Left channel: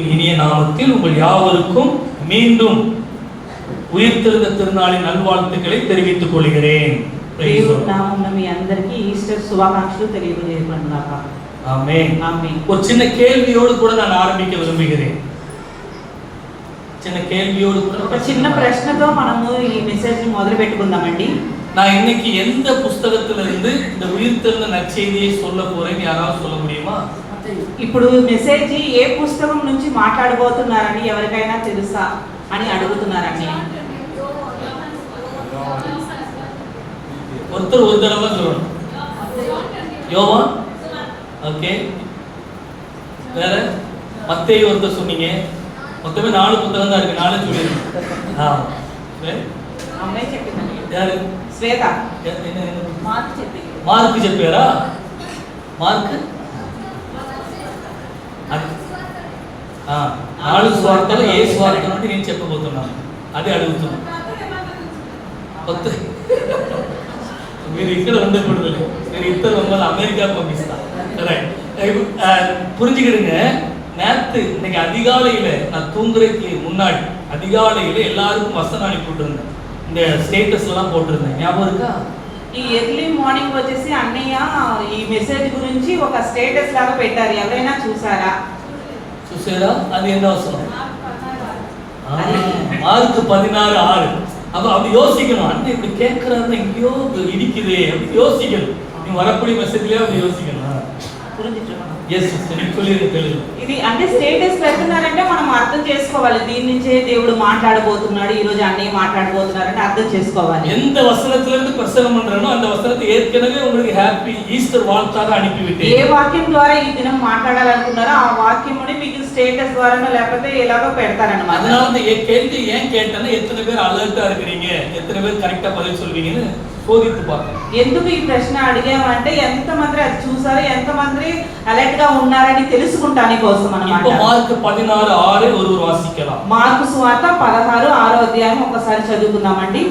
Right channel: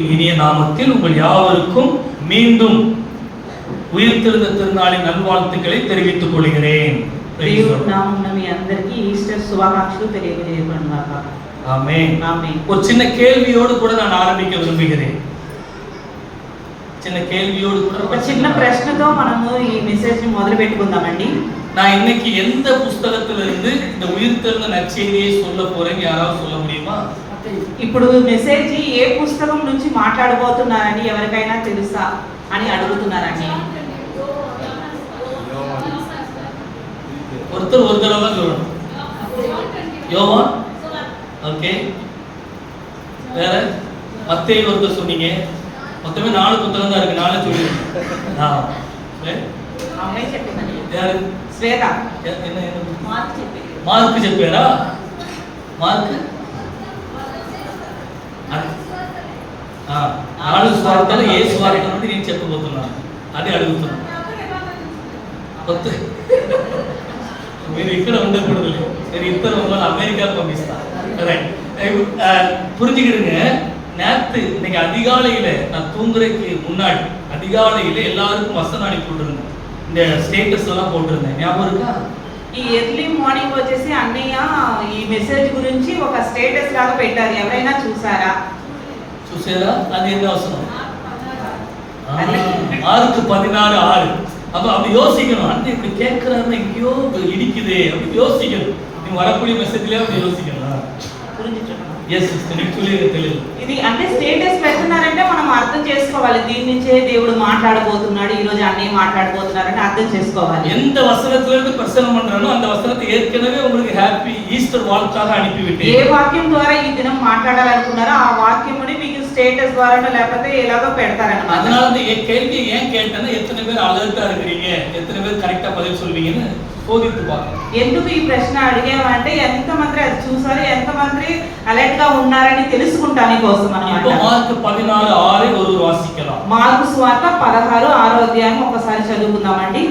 இனிய நாமத்தில் உங்கள் யாவருக்கும் மீண்டும் உயிர்த்தெழுந்த திருநாளின் நல்வாழ்த்துக்களை தெரிவித்துக் கொள்கிறேன். దేవుడి నామమున మీ అందరికీ ఈస్టర్ శుభాకాంక్షలు తెలియజేయబడుగాక. ஆமென். ஆமென். ஒரு சின்ன கேள்வியோடு கூட நான் ஆரம்பிக்க விரும்புகிறேன். சின்ன கேள்வியோடு கூட ఒక చిన్న ప్రశ్నతో మనము ఈ మెసేజ్ ని మొదలు పెట్టుకుందామండి. நான் இன்னைக்கு எந்த புத்தகத்திலிருந்து இந்த உயிர்த்தெழுந்த நற்செய்தியை சொல்ல போறேன்னு யாராவது சொல்ல முடியுமா? ఇప్పుడు మెసేజ్ ఏ పుస్తకం నుంచి మాట్లాడబోతున్నారని ఎవరికైనా తెలుసా అని అడుగుతున్నారండి. ஒருத்தர் ஒரு தடவை சொல்லணும். யோவான், ஓகே. வேற மத்தேயு ஒருத்தர் சொன்னீங்க. மொத்தமே 4 புத்தகம் தான் இருக்கு. 4 சொல்லுங்க. అమ్మాయి చెప్పిందండి. யாரு? శ్వేత. என்ன మార్క్ చెప్పింది. మార్క్ చెప్పారా? మార్క్ 4 స్వార్థలు ఏ స్వార్థం అంటే నేను చెప్పబోతున్నాను. అదే అడుగుతున్నాను. మీరు ఇక్కడ ఉండకూడదు. నేను ఇద్దరు మమ్మల్ని అమెరికాకు పంపిస్తాను. புரிஞ்சுக்கிடுங்க. நேற்று இன்னைக்கு அதிகாலையில நான் தூங்குறதுக்கு முன்னாடி அதிகாலையில எல்லாருக்கும் வசனம் அனுப்பி விட்டுருந்தேன். இந்த ஸ்டேட்டஸ் எல்லாம் போட்டிருந்தேன். ஞாபகம் இருக்கா? ఈ ఎర్లీ మార్నింగ్ వచ్చేసి అన్నయ్య ఈ మెసేజ్ గురించి ఒక స్టేటస్ లాగా పెట్టారు. ఎవరైనా చూసారా? அது என்ன வசனம்? மார்க் 16:6. அப்ப அப்படி யோசிக்கணும். அண்ணன் இப்படி கேட்கிறாருன்னு எங்கேயோ இடிக்குதே அப்படி யோசிக்கணும். நீ வரக்கூடிய மெசேஜ்லயே அப்படி யோசிக்கணும். ఎస్ సిస్టర్, నీకు తెలియదు. ఇది అంటే స్టేటస్ పెడుతున్నారంటే మనం అర్థం చేసుకోవాలి. దీని నుంచే దేవుడు మాట్లాడబోతున్నాడు, ఈ రోజు అన్నయ్య మాట్లాడబోతున్నారంటే అర్థం చేసుకోవాలి. எந்த வசனத்துல இருந்து பிரசங்கம் பண்றானோ அந்த வசனத்தை ஏற்கனவே உங்களுக்கு ஹாப்பி ஈஸ்டர் வாழ்த்தாக அனுப்பி விட்டேன். ఏ వాక్యం ద్వారా ఈ దినం మాట్లాడాలనుకున్నారో ఆ వాక్యముని మీకు స్టేటస్ ద్వారానో లేకపోతే ఎలాగో పెడతారన్నమాట. அதனால இந்த கேள்வி ஏன் கேட்டேன்னா எத்தனை பேர் அலர்ட்டா இருக்கிறீங்க, எத்தனை பேர் கரெக்டா பதில் சொல்வீங்கன்னு போதித்து பார்க்கலாம். ఎందుకు ఈ ప్రశ్న అడిగామంటే ఎంతమంది అది చూసారో ఎంతమంది అలర్ట్ గా ఉన్నారని తెలుసుకుంటాని కోసం అన్నమాట. இப்போ మార్క్ 16:6 ஒரு వాసిக்கலாம். మార్కు సువార్త 16:6 అధ్యాయం ఒకసారి చదువుకుందామండి.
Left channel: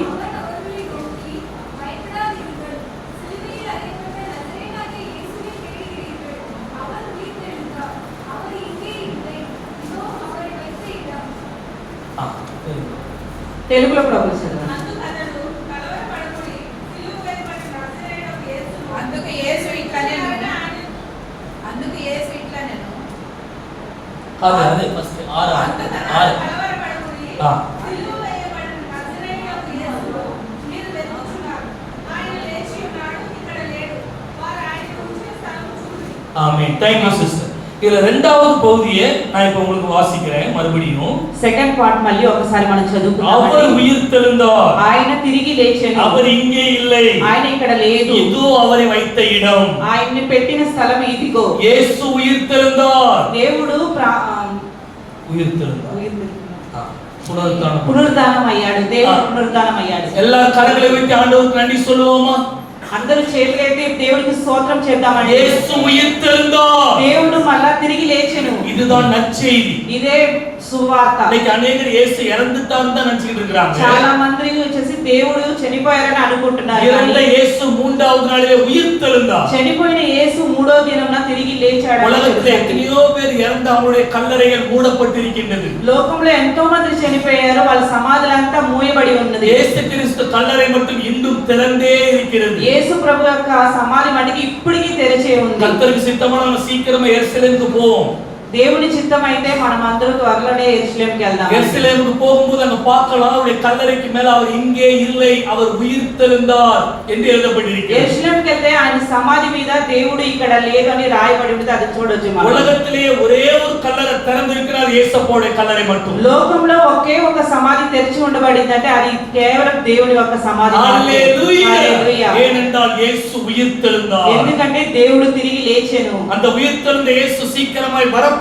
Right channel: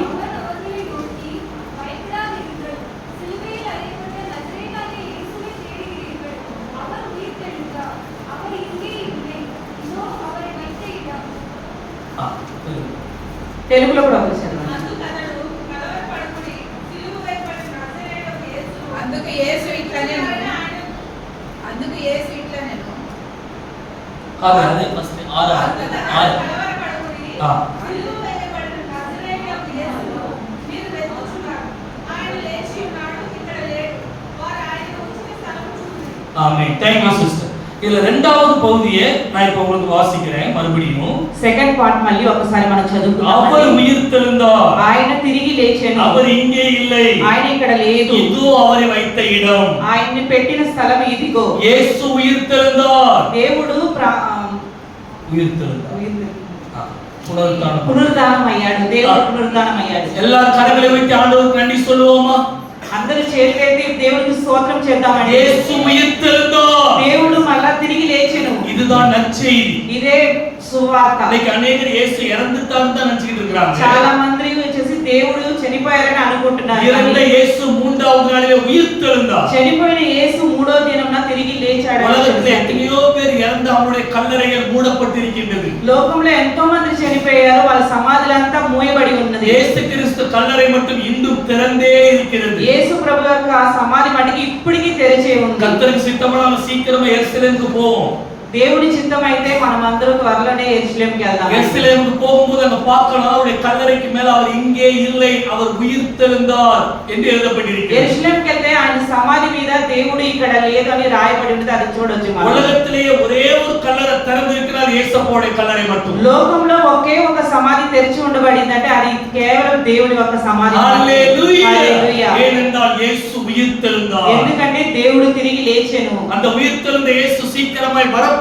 తెలుగులో కూడా చదవండి. అదే first 6. Amen. Thank you sister. இதுல இரண்டாவது பகுதியை நான் இப்ப உங்களுக்கு வாசிக்கிறேன் மறுபடியும். సెకండ్ పార్ట్ మళ్ళీ ఒకసారి మనం చదువుకుందాం. அவர் உயிர்த்தெழுந்தார். ఆయన తిరిగి లేచాడు. அவர் இங்கே இல்லை. ఆయన ఇక్కడ లేదు. இதோ அவரை வைத்த இடம். ఆయన్ని పెట్టిన స్థలం ఇదిగో. యేసు உயிர்த்தெழுந்தார். దేవుడు உயிர்த்தெழுந்தார். పునరుద్ధానం అయ్యాడు. దేవుడు పునరుద్ధానం అయ్యాడు. எல்லா கரங்களை வைத்து ஆண்டவருக்கு நன்றி சொல்லுவோமா? అందరూ చేతులెత్తి దేవునికి స్తోత్రం చేద్దామండి. యేసు உயிர்த்தெழுந்தார். దేవుడు మళ్ళా తిరిగి లేచెను. இதுதான் நற்செய்தி. ఇదే సువార్త. இன்னைக்கு अनेகர் இயேசு இறந்துட்டான்னு தான் நினைச்சிட்டு இருக்காங்க. చాలా మంది వచ్చేసి దేవుడు చనిపోయారని అనుకుంటున్నారు. இறந்த இயேசு மூன்றாவது நாளிலே உயிர்த்தெழுந்தார். చనిపోయిన యేసు మూడో దినమున తిరిగి లేచాడు. உலகத்திலே எத்தனையோ பேர் இறந்து அவருடைய கல்லறைகள் மூடப்பட்டிருக்கின்றது. లోకంలో ఎంతో మంది చనిపోయారు, వాళ్ళ సమాధులంతా మూయబడి ఉన్నది. இயேசு கிறிஸ்து கல்லறை மட்டும் இன்னும் திறந்தே இருக்கிறது. యేసు ప్రభు యొక్క సమాధి మటుకు ఇప్పటికీ తెరిచే ఉంది. கர்த்தருக்கு சித்தமான நம்ம சீக்கிரமா எருசலேமுக்கு போவோம். దేవుని చిత్తం అయితే మనం అందరూ త్వరలోనే యెరూషలేముకి వెళ్దాం. எருசலேமுக்கு போகும்போது அங்க பார்க்கலாம் அவருடைய கல்லறைக்கு மேல அவர் இங்கே இல்லை, அவர் உயிர்த்தெழுந்தார் என்று எழுதப்பட்டிருக்கிறது. యెరూషలేముకి వెళ్తే ఆయన సమాధి మీద దేవుడు ఇక్కడ లేదని రాయబడి ఉంది. అది చూడొచ్చు మనం. உலகத்திலே ஒரே ஒரு கல்லறை திறந்து இருக்கிறார், இயேசுவோட கல்லறை மட்டும். లోకంలో ఒకే ఒక సమాధి తెరిచి ఉండబడిందంటే అది కేవలం దేవుని యొక్క సమాధి. హల్లెలూయా. ஏனென்றால் இயேசு உயிர்த்தெழுந்தார். ఎందుకంటే దేవుడు తిరిగి లేచెను. அந்த உயிர்த்தெழுந்த இயேசு சீக்கிரமாய் வரப்போகிறார்.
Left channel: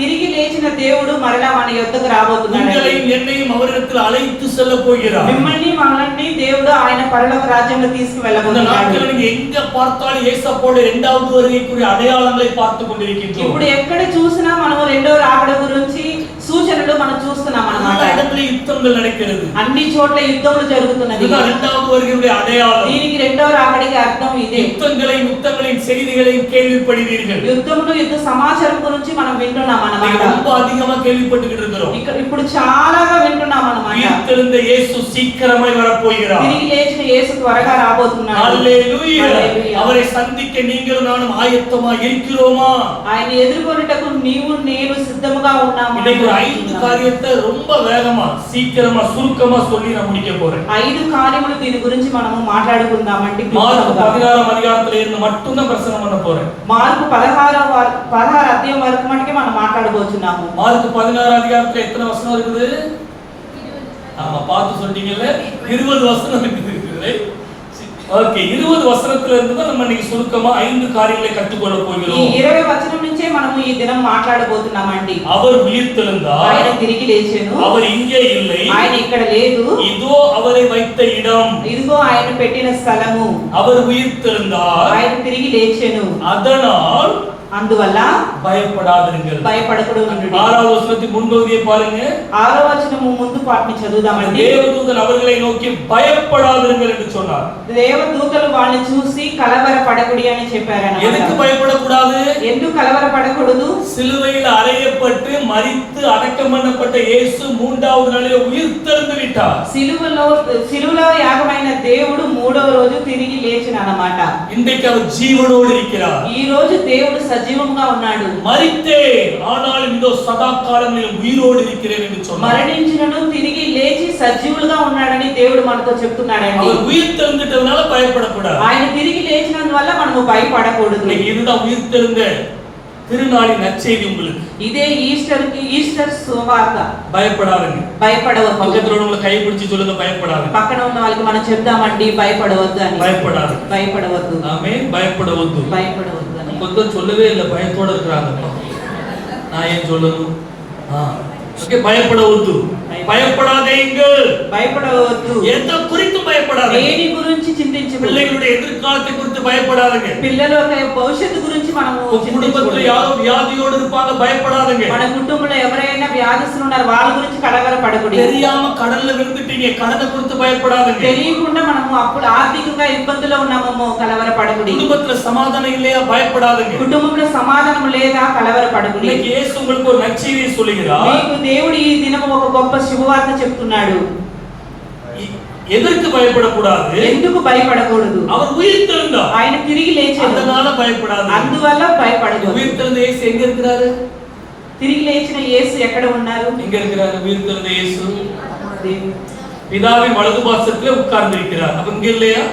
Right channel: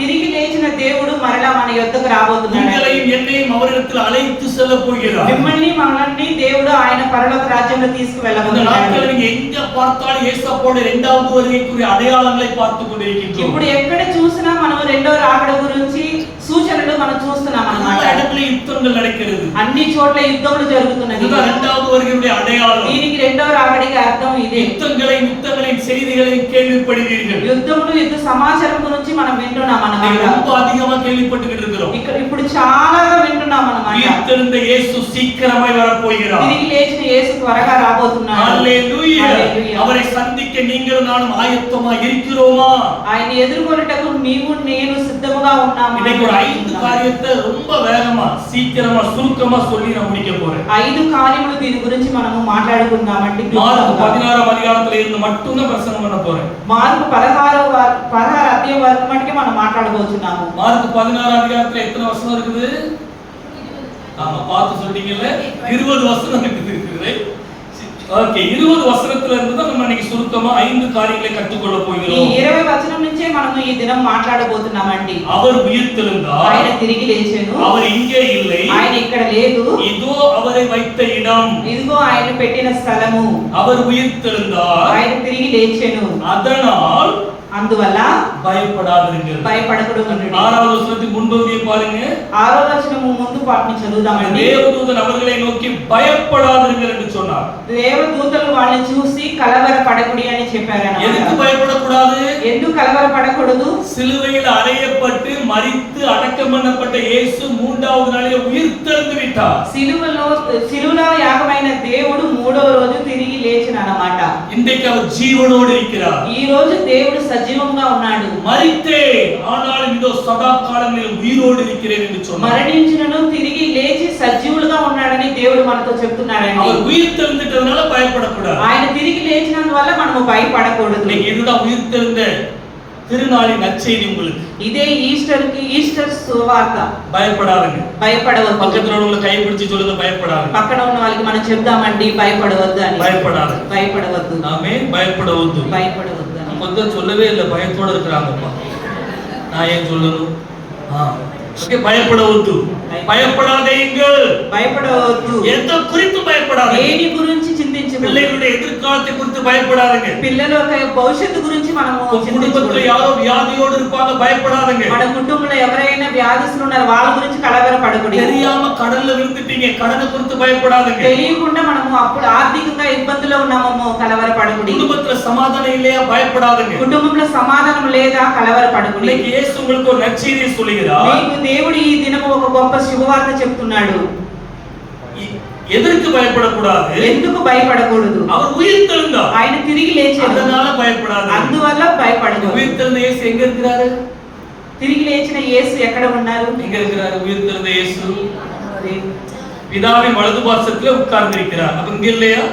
తిరిగి లేచిన దేవుడు మరలా మన యొద్దకు రాబోతున్నాడు. உங்களையும் என்னையும் அவரிடத்தில் அழைத்து செல்ல போகிறார். మిమ్మల్ని మనల్ని దేవుడు ఆయన పరలోక రాజ్యంలో తీసుకువెళ్ళబోతున్నాడు. இந்த நாட்களில் நீங்க எங்க பார்த்தாலும் இயேசுவோட இரண்டாவது வருகைக்குரிய அடையாளங்களை பார்த்து கொண்டிருக்கிறோம். ఇప్పుడు ఎక్కడ చూసినా మనం రెండో రాకడ గురించి సూచనలు మనం చూస్తున్నాం అన్నమాట. எல்லா இடத்துலயும் யுத்தங்கள் நடக்கிறது. అన్ని చోట్ల యుద్ధములు జరుగుతున్నది. இதுதான் இரண்டாவது வருகையுடைய அடையாளம். దీనికి రెండో రాకడికి అర్థం ఇదే. யுத்தங்களின் செய்திகளையும் கேள்விப்படுவீர்கள். యుద్ధములు యుద్ధ సమాచారం గురించి మనం వింటున్నాం అన్నమాట. ரொம்ப அதிகமா கேள்விப்பட்டுக்கிட்டு இருக்கிறோம். ఇప్పుడు చాలాగా వింటున్నాం అన్నమాట. உயிர்த்தெழுந்த இயேசு சீக்கிரமாய் வரப்போகிறார். తిరిగి లేచిన యేసు త్వరగా రాబోతున్నాడు. హల్లెలూయా. அவரை சந்திக்க நீங்களும் நானும் ஆயத்தமா இருக்கிறோமா? ఆయన ఎదుర్కొనుటకు నీవు నేను సిద్ధముగా ఉన్నామా? இன்னைக்கு 5 காரியத்தை ரொம்ப வேகமா சீக்கிரமா சுருக்கமா சொல்லி நான் முடிக்க போறேன். 5 కార్యములు దీని గురించి మనము మాట్లాడుకుందామండి. మార్కు 16వ అధ్యాయంలో ఇருந்து மட்டும் தான் பிரசங்கம் பண்ண போறேன். మార్కు 16 అధ్యాయం వరకు మటుకే మనం మాట్లాడబోతున్నాము. మార్కు 16వ అధ్యాయంలో ఎத்தனை వచనం இருக்குது? ஆமா பார்த்து சொல்றீங்கல்ல 20 வசனம் இருக்குது. ஓகே 20 வசனத்துல இருந்து தான் நம்ம இன்னைக்கு சுருக்கமா 5 காரியங்களை கற்றுக்கொள்ள போகிறோம். ఈ 20 వచనం నుంచే మనము ఈ దినం మాట్లాడబోతున్నామండి. அவர் உயிர்த்தெழுந்தார். ఆయన తిరిగి లేచెను. அவர் இங்கே இல்லை. ఆయన ఇక్కడ లేదు. இதோ அவரை வைத்த இடம். ఇదిగో ఆయన పెట్టిన స్థలము. அவர் உயிர்த்தெழுந்தார். ఆయన తిరిగి లేచెను. அதனால் అందువల్ల భయపడాదిరుங்கள். భయపడకూడదు. 6వ వచనத்தின் முன்பகுதியை பாருங்க. 6వ వచనము ముందు పాఠం చదువుదామండి. தேவதூதன் அவர்களை நோக்கி பயப்படாதிருங்கள் என்று சொன்னார். దేవదూతలు వాళ్ళని చూసి కలవరపడకుడి అని చెప్పారన్నమాట. எதுக்கு பயப்படக்கூடாது? ఎందుకు కలవరపడకూడదు? சிலுவையில் அறையப்பட்டு மரித்து அடக்கம் பண்ணப்பட்ட இயேசு 3வது நாளிலே உயிர்த்தெழுந்து விட்டார். సిలువలో యాగమైన దేవుడు 3వ రోజు తిరిగి లేచిన అన్నమాట. இன்றைக்கு அவர் ஜீவனோடு இருக்கிறார். ఈ రోజు దేవుడు సజీవంగా ఉన్నాడు. மரித்தேன் ஆனாலும் இதோ சதா காலங்களில் உயிரோடு இருக்கிறேன் என்று சொன்னார். మరణించినను తిరిగి లేచి సజీవులుగా ఉన్నాడని దేవుడు మనతో చెప్తున్నాడండి. அவர் உயிர்த்தெழுந்துட்டதனால பயப்படக்கூடாது. ఆయన తిరిగి లేచినందువల్ల మనము భయపడకూడదు. இதுதான் உயிர்த்தெழுந்த திருநாளின் நற்செய்தி உங்களுக்கு. ఇదే ఈస్టర్ సువార్త. பயப்படாதீங்க. భయపడవద్దు. பக்கத்துல உள்ளவங்களை கை பிடிச்சு சொல்லுங்க பயப்படாதீங்க. పక్కన ఉన్న వాళ్ళకి మనం చెప్దామండి భయపడవద్దు అని. భయపడవద్దు. ஆமென். பயப்படவద్దు. భయపడవద్దు అని. கொஞ்சம் சொல்லவே இல்லை பயத்தோட இருக்கிறாங்கப்பா. நான் ஏன் சொல்லணும்? ஓகே பயப்படవద్దు. பயப்படாதீங்கள். భయపడవద్దు. எந்த குறித்து பயப்படாதீங்க. దేని గురించి చింతించవద్దు. பிள்ளைகளுடைய எதிர்காலத்தை குறித்து பயப்படாதீங்க. పిల్లల భవిష్యత్తు గురించి మనము குடும்பத்துல யாரோ வியாதியோடு இருப்பாங்க பயப்படாதீங்க. మన కుటుంబంలో ఎవరైనా వ్యాధిస్తులు ఉన్నారు వాళ్ళ గురించి కలవరపడకూడదు. தெரியாம கடல்ல விழுந்துட்டீங்க கடனை குறித்து பயப்படாதீங்க. తెలియకుండా మనము అప్పుడు ఆర్థికంగా ఇబ్బందుల్లో ఉన్నామో కలవరపడకూడదు. குடும்பத்துல சமாதானம் இல்லையா பயப்படாதீங்க. కుటుంబంలో సమాధానం లేదా కలవరపడకూడదు. இன்னைக்கு இயேசு உங்களுக்கு ஒரு நற்செய்தியை சொல்லுகிறார். మీకు దేవుడు ఈ దినం ఒక గొప్ప శుభవార్త చెప్తున్నాడు. எதற்கு பயப்படக்கூடாது? ఎందుకు భయపడకూడదు? அவர் உயிர்த்தெழுந்தார். ఆయన తిరిగి లేచాడు. அதனால பயப்படாதீங்க. అందువల్ల భయపడకూడదు. உயிர்த்தெழுந்த இயேசு எங்க இருக்கிறாரு? తిరిగి లేచిన యేసు ఎక్కడ ఉన్నారు? எங்க இருக்கிறாரு உயிர்த்தெழுந்த இயேசு? பிதாவின் வலது பாசத்திலே உட்கார்ந்து இருக்கிறார். அப்ப இங்க இல்லையா?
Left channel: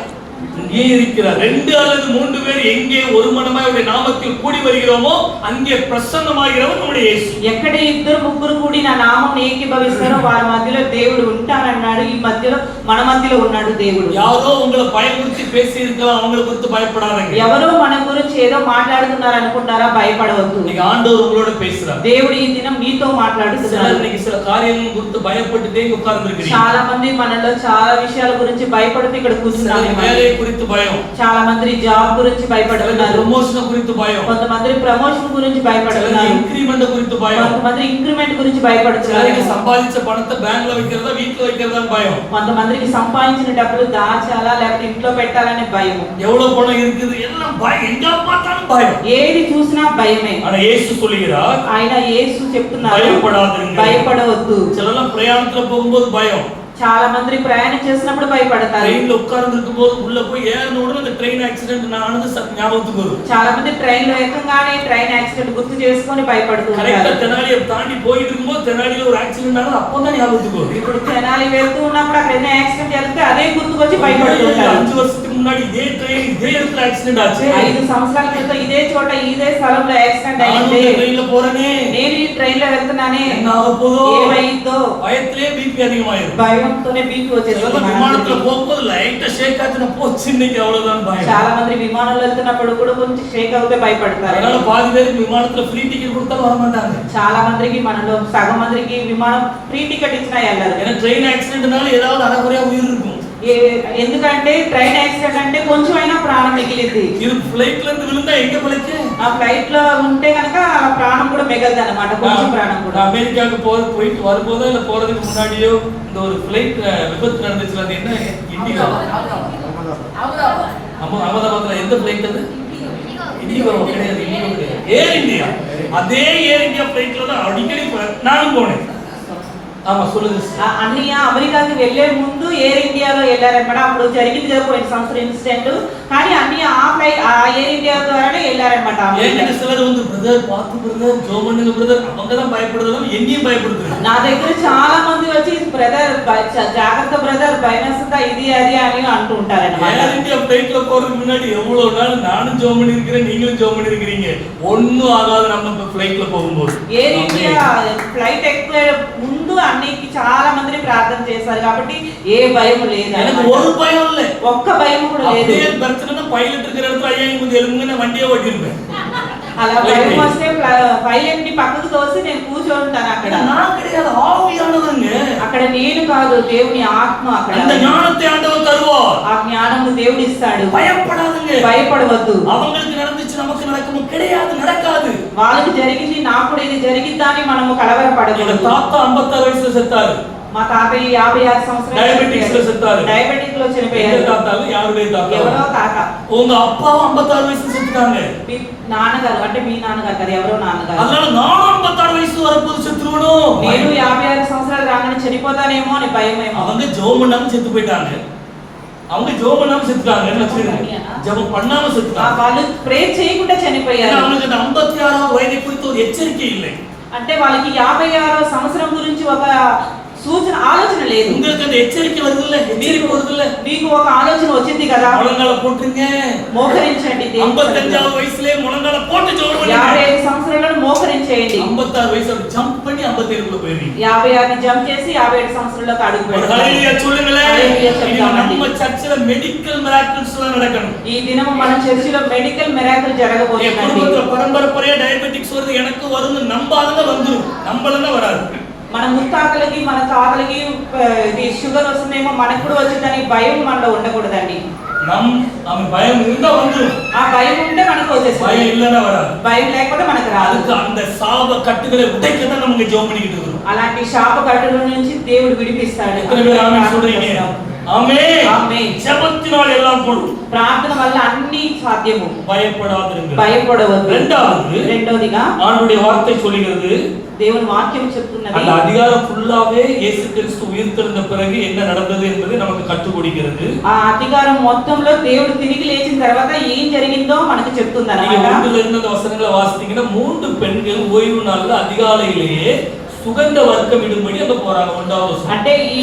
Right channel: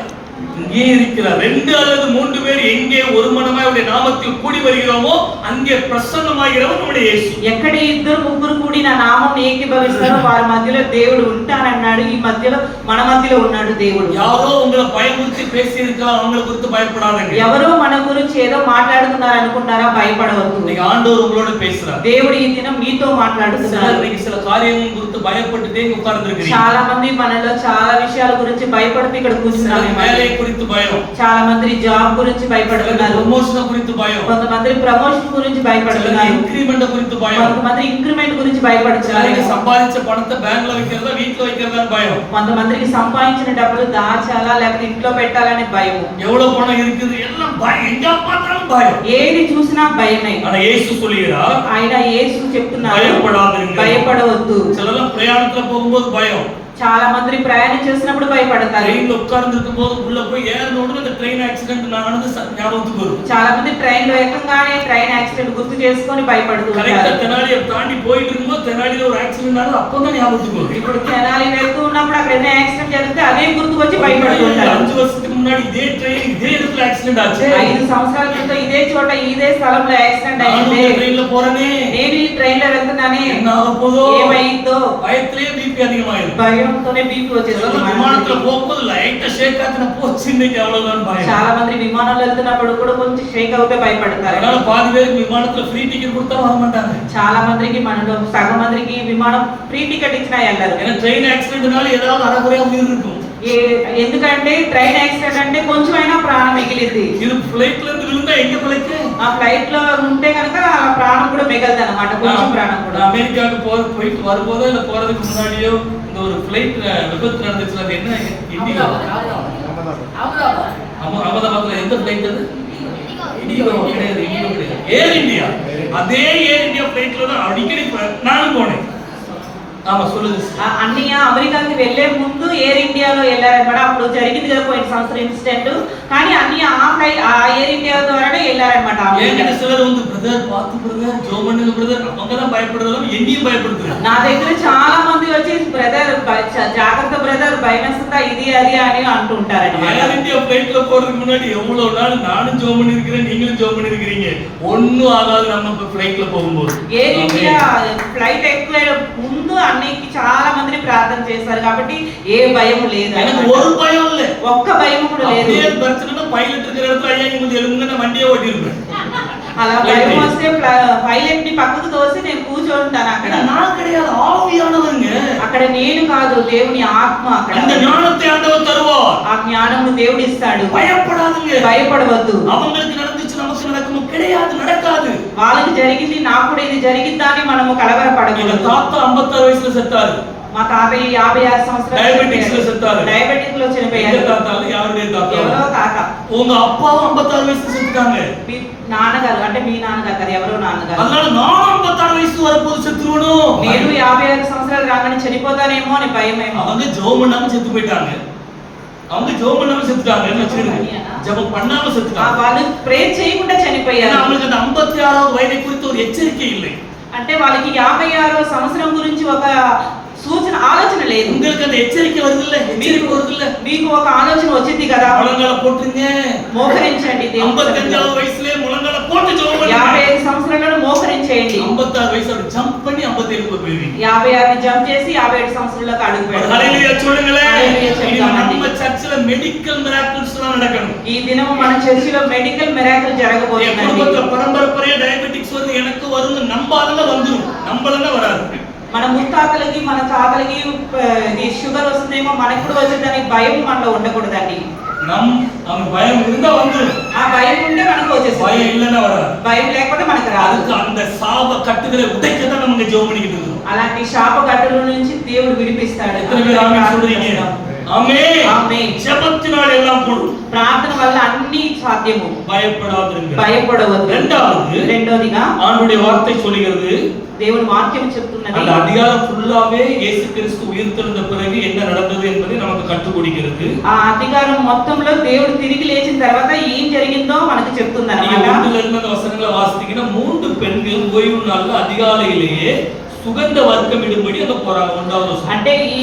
இங்கே இருக்கிறார். 2 அல்லது 3 பேர் எங்கே ஒரு மனமாய் அவருடைய நாமத்தில் கூடி வருகிறோமோ அங்கே பிரசன்னமாகிறவர் நம்முடைய இயேசு. ఎక్కడ 2-3 కూడి నా నామం ఏకీభవిస్తారో వారి మధ్యలో దేవుడు ఉంటానన్నాడు. ఈ మధ్యలో మన మధ్యలో ఉన్నాడు దేవుడు. யாரோ உங்களை பயமுறுத்தி பேசி இருக்கலாம், அவங்களை குறித்து பயப்படாதீங்க. ఎవరో మన గురించి ఏదో మాట్లాడుతున్నారు అనుకుంటారా? భయపడవద్దు. இன்னைக்கு ஆண்டவர் உங்களோட பேசுறார். దేవుడు ఈ దినం మీతో మాట్లాడుతున్నాడు. இன்னைக்கு சில காரியங்கள் குறித்து பயப்பட்டுட்டே உட்கார்ந்திருக்கிறீங்க. చాలా మంది మనలో చాలా విషయాల గురించి భయపడుతూ ఇక్కడ కూర్చున్నారు. வேலையை குறித்து பயம். చాలా మంది జాబ్ గురించి భయపడుతున్నారు. ప్రమోషన్ గురించి భయం. కొంతమంది ప్రమోషన్ గురించి భయపడుతున్నారు. ఇంక్రిమెంట్ గురించి భయం. కొంతమంది ఇంక్రిమెంట్ గురించి భయపడుతున్నారు. సంపాదించే పణத்தை బ్యాంక్ లో வைக்கிறதா வீட்ல வைக்கிறதா భయం. కొంతమందికి సంపాదించిన డబ్బులు దాచాలా లేకపోతే ఇంట్లో పెట్టాలనే భయం. எவ்வளவு பணம் இருக்குது எல்லாம் பயம். எங்க பார்த்தாலும் பயம். ఏది చూసినా భయమే. ஆனா இயேசு சொல்லுகிறார். ఆయన యేసు చెప్తున్నారు భయపడాదీங்க. భయపడవద్దు. சிலர் பிரயாணத்துல போகும்போது பயம். చాలా మంది ప్రయాణం చేసినప్పుడు భయపడతారు. ట్రైన్ లో ఉட்கார்ந்து இருக்கும்போது உள்ள போய் ஏறின உடனே அந்த ట్రైన్ యాక్సిడెంట్ நடந்து ஞாபகத்துக்கு வரும். చాలా మంది ట్రైన్ లో ఎక్కగానే ట్రైన్ యాక్సిడెంట్ గుర్తు చేసుకొని భయపడుతుంటారు. కరెక్ట్ తెనాలి தாண்டி போயிட்டு இருக்கும்போது తెనాలిలో ஒரு యాక్సిడెంట్ நடந்து அப்பதான் ஞாபகத்துக்கு வரும். ఇప్పుడు తెనాలి వెళ్తూ ఉన్నప్పుడు అక్కడ ఏదైనా యాక్సిడెంట్ జరిగితే అదే గుర్తుకొచ్చి భయపడుతుంటారు. 5 வருஷத்துக்கு முன்னாடி இதே ట్రైన్ இதே இடத்துல యాక్సిడెంట్ ஆச்சு. 5 సంవత్సరాల క్రితం ఇదే చోట ఇదే స్థలంలో యాక్సిడెంట్ అయింది. నేను ట్రైన్ లో పోறேனே. నేను ఈ ట్రైన్ లో వెళ్తున్నానే. என்ன ஆகப்போதோ? ఏమైందో பயத்திலே பிபி அதிகமாயிரும். భయంతోనే బీపీ వచ్చేస్తుంది. విమానంలో పోకపోతే లైట్ షేక్ ఆచిన పోచిందికి అవ్వలేదని భయం. చాలా మంది విమానంలో వెళ్తున్నప్పుడు కూడా కొంచెం షేక్ అవుతే భయపడతారు. அதனால பாதி பேருக்கு விமானத்துல ஃப்ரீ டிக்கெட் கொடுத்தா வர மாட்டாங்க. చాలా మందికి మనలో సగం మందికి విమానం ఫ్రీ టికెట్ ఇచ్చినా వెళ్ళరు. ஏன்னா ట్రైన్ యాక్సిడెంట్னால ఏதாவது అరకొరగా ఉயிர் இருக்கும். ఎందుకంటే ట్రైన్ యాక్సిడెంట్ అంటే కొంచెమైనా ప్రాణం మిగిలింది. இது ఫ్లైట్ல இருந்து விழுந்தா எங்க பிழைக்கு? ఆ ఫ్లైట్ లో ఉంటే కనుక ఆ ప్రాణం కూడా మిగలదు అన్నమాట. కొంచెం ప్రాణం కూడా. அமெரிக்காவுக்கு போயிட்டு வரும்போதோ இல்ல போறதுக்கு முன்னாடியோ இந்த ஒரு ஃப்ளைட் விபத்து நடந்துச்சு. அது என்ன? இண்டிகோ. அகமதாபாத்ல எந்த ஃப்ளைட் அது? இண்டிகோ கிடையாது. இண்டிகோ கிடையாது. ஏர் இந்தியா. அதே ஏர் இந்தியா ஃபிளைட்ல தான் அடிக்கடி நானும் போனேன். ఆమె అన్నయ్య అమెరికాకి వెళ్లే ముందు ఎయిర్ ఇండియాలో వెళ్ళారన్నమాట. అప్పుడు జరిగింది కదా పోయిన సంవత్సరం ఇన్సిడెంట్. కానీ అన్నయ్య ఆ ఎయిర్ ఇండియా ద్వారానే వెళ్ళారన్నమాట. బ్రదర్ పాతు బ్రదర్ జోమన్ బ్రదర్ అమ్మగలం భయపడదలం ఎంగేం భయపడుతున్నారు. నా దగ్గర చాలా మంది వచ్చి బ్రదర్ జాగ్రత్త బ్రదర్ భయనస్తుందా ఇది అది అని అంటూ ఉంటారన్నమాట. ఎయిర్ ఇండియా ఫ్లైట్ లో போறதுக்கு முன்னாடி எவ்வளவு நாள் நானும் ஜோமன் இருக்கிறேன், நீங்களும் ஜோமன் இருக்கிறீங்க, ஒண்ணும் ஆகாது நம்ம ఫ్లైట్ లో போகும்போது. ఎయిర్ ఇండియా ఫ్లైట్ ఎక్కే ముందు అన్నికి చాలా మందిని ప్రార్థన చేశారు కాబట్టి ఏ భయం లేదు. எனக்கு ஒரு பயம் இல்ல, ఒక్క భయం కూడా లేదు. அதே பிரச்சனை பைலட் இருக்கிற இடத்துல ஐயா இங்க எலுங்குன வண்டியே ஓட்டிருப்பேன். అలా భయం వస్తే పైలట్ ని పక్కకు తోసి నేను కూర్చొని ఉంటాను అక్కడ. நான் கிடையாது, ஆவியானவங்க. అక్కడ నేను కాదు, దేవుని ఆత్మ అక్కడ. அந்த ஞானத்தை ஆண்டவர் தருவார். ఆ జ్ఞానము దేవుడు ఇస్తాడు. பயப்படாதீங்க, భయపడవద్దు. அவங்களுக்கு நடந்துச்சு நமக்கு நடக்கும் கிடையாது, நடக்காது. వాళ్ళకి జరిగింది నాకు కూడా ఇది జరిగిద్దా అని మనము కలవరపడకూడదు. తాత 56 వయసులో సెత్తారు. మా తాతయ్య 56 సంవత్సరాలు డయాబెటిక్స్ లో సెత్తారు. డయాబెటిక్ లో చనిపోయారు. తాతలు యారుడే తాత. ఎవరో తాత. உங்க அப்பா 56 వయసులో செத்துட்டாங்க. మీ నాన్నగారు అంటే మీ నాన్నగారు కదా, ఎవరో నాన్నగారు. அதனால நான் 56 వయసు వరకు செத்துறனோ, నేను 56 సంవత్సరాలు రాగానే చనిపోతానేమో అని భయమేమో. அவங்க ஜெபம் பண்ணாம செத்து போயிட்டாங்க. அவங்க ஜெபம் பண்ணாம செத்துட்டாங்க. என்ன சொல்றது? ஜெபம் பண்ணாம செத்துட்டாங்க. వాళ్ళు ప్రేయర్ చేయకుండా చనిపోయారు. அவங்களுக்கு அந்த 56வது వయதை குறித்து ஒரு எச்சரிக்கை இல்லை. అంటే వాళ్ళకి 56వ సంవత్సరం గురించి ఒక సూచన ఆలోచన లేదు. உங்களுக்கு அந்த எச்சரிக்கை வருது இல்ல, எச்சரிக்கை வருது இல்ல, మీకు ఒక ఆలోచన వచ్చింది కదా. முழங்கால போட்டுங்க, మోకరించండి. 55వ వయసులే ముழங்கால போட்டு ஜெபம் பண்ணுங்க. 55 సంవత్సరాలను మోకరించేయండి. 56 వయసుல జంప్ பண்ணி 57 కు போயிடுவீங்க. 56 జంప్ చేసి 57 సంవత్సరాలకు అడుగు పెడతారు. హల్లెలూయా சொல்லுங்களே. நம்ம சர்ச்சில மெடிக்கல் மிராக்கிள்ஸ் எல்லாம் நடக்கணும். ఈ దినం మన చర్చిలో మెడికల్ మిరాకిల్ జరగబోతుంది. కుటుంబத்துல పరంపరపరే డయాబెటిక్స్ வருது, எனக்கு வருது நம்பாதங்க வந்துரும், நம்பலங்க வராது. మన ముత్తాతలకి మన తాతలకి ఇది షుగర్ వస్తుందేమో మనకు కూడా వచ్చిందని భయం మనలో ఉండకూడదండి. భయం இருந்தா வந்துரும். ఆ భయం ఉంటే మనకు వచ్చేస్తుంది. భయం இல்லனா வராது. భయం లేకపోతే మనకు రాదు. அந்த சாப கட்டுகளை உடைக்கதான் நமக்கு ஜெபம் பண்ணிட்டு இருக்கோம். అలాంటి శాప కట్టుల నుంచి దేవుడు విడిపిస్తాడు. எத்தனை பேர் ஆமென் சொல்றீங்க? ஆமென். ఆమేన్. ஜெபத்தினால் எல்லாம் கூடும். ప్రార్థన వల్ల అన్ని సాధ్యము. பயப்படாதீங்க. భయపడవద్దు. రెండోదిగా ஆண்டவருடைய வார்த்தை சொல்கிறது, దేవుని వాక్యం చెప్తున్నది, அந்த அதிகாரம் ஃபுல்லாவே இயேசு கிறிஸ்து உயிர்த்தெழுந்த பிறகு என்ன நடந்தது என்பதை நமக்கு கற்றுக் கொடுக்கிறது. ఆ అధికారం మొత్తంలో దేవుడు తిరిగి లేచిన తర్వాత ఏం జరిగిందో మనకు చెప్తుందన్నమాట. நீங்க இருந்த வசனங்களை வாசித்தீங்கன்னா 3 பெண்கள் ஓய்வு நாள்ல அதிகாலையிலேயே సుగంధ వర్గం ఇడుబడి అలా పోరాడు. అంటే ఈ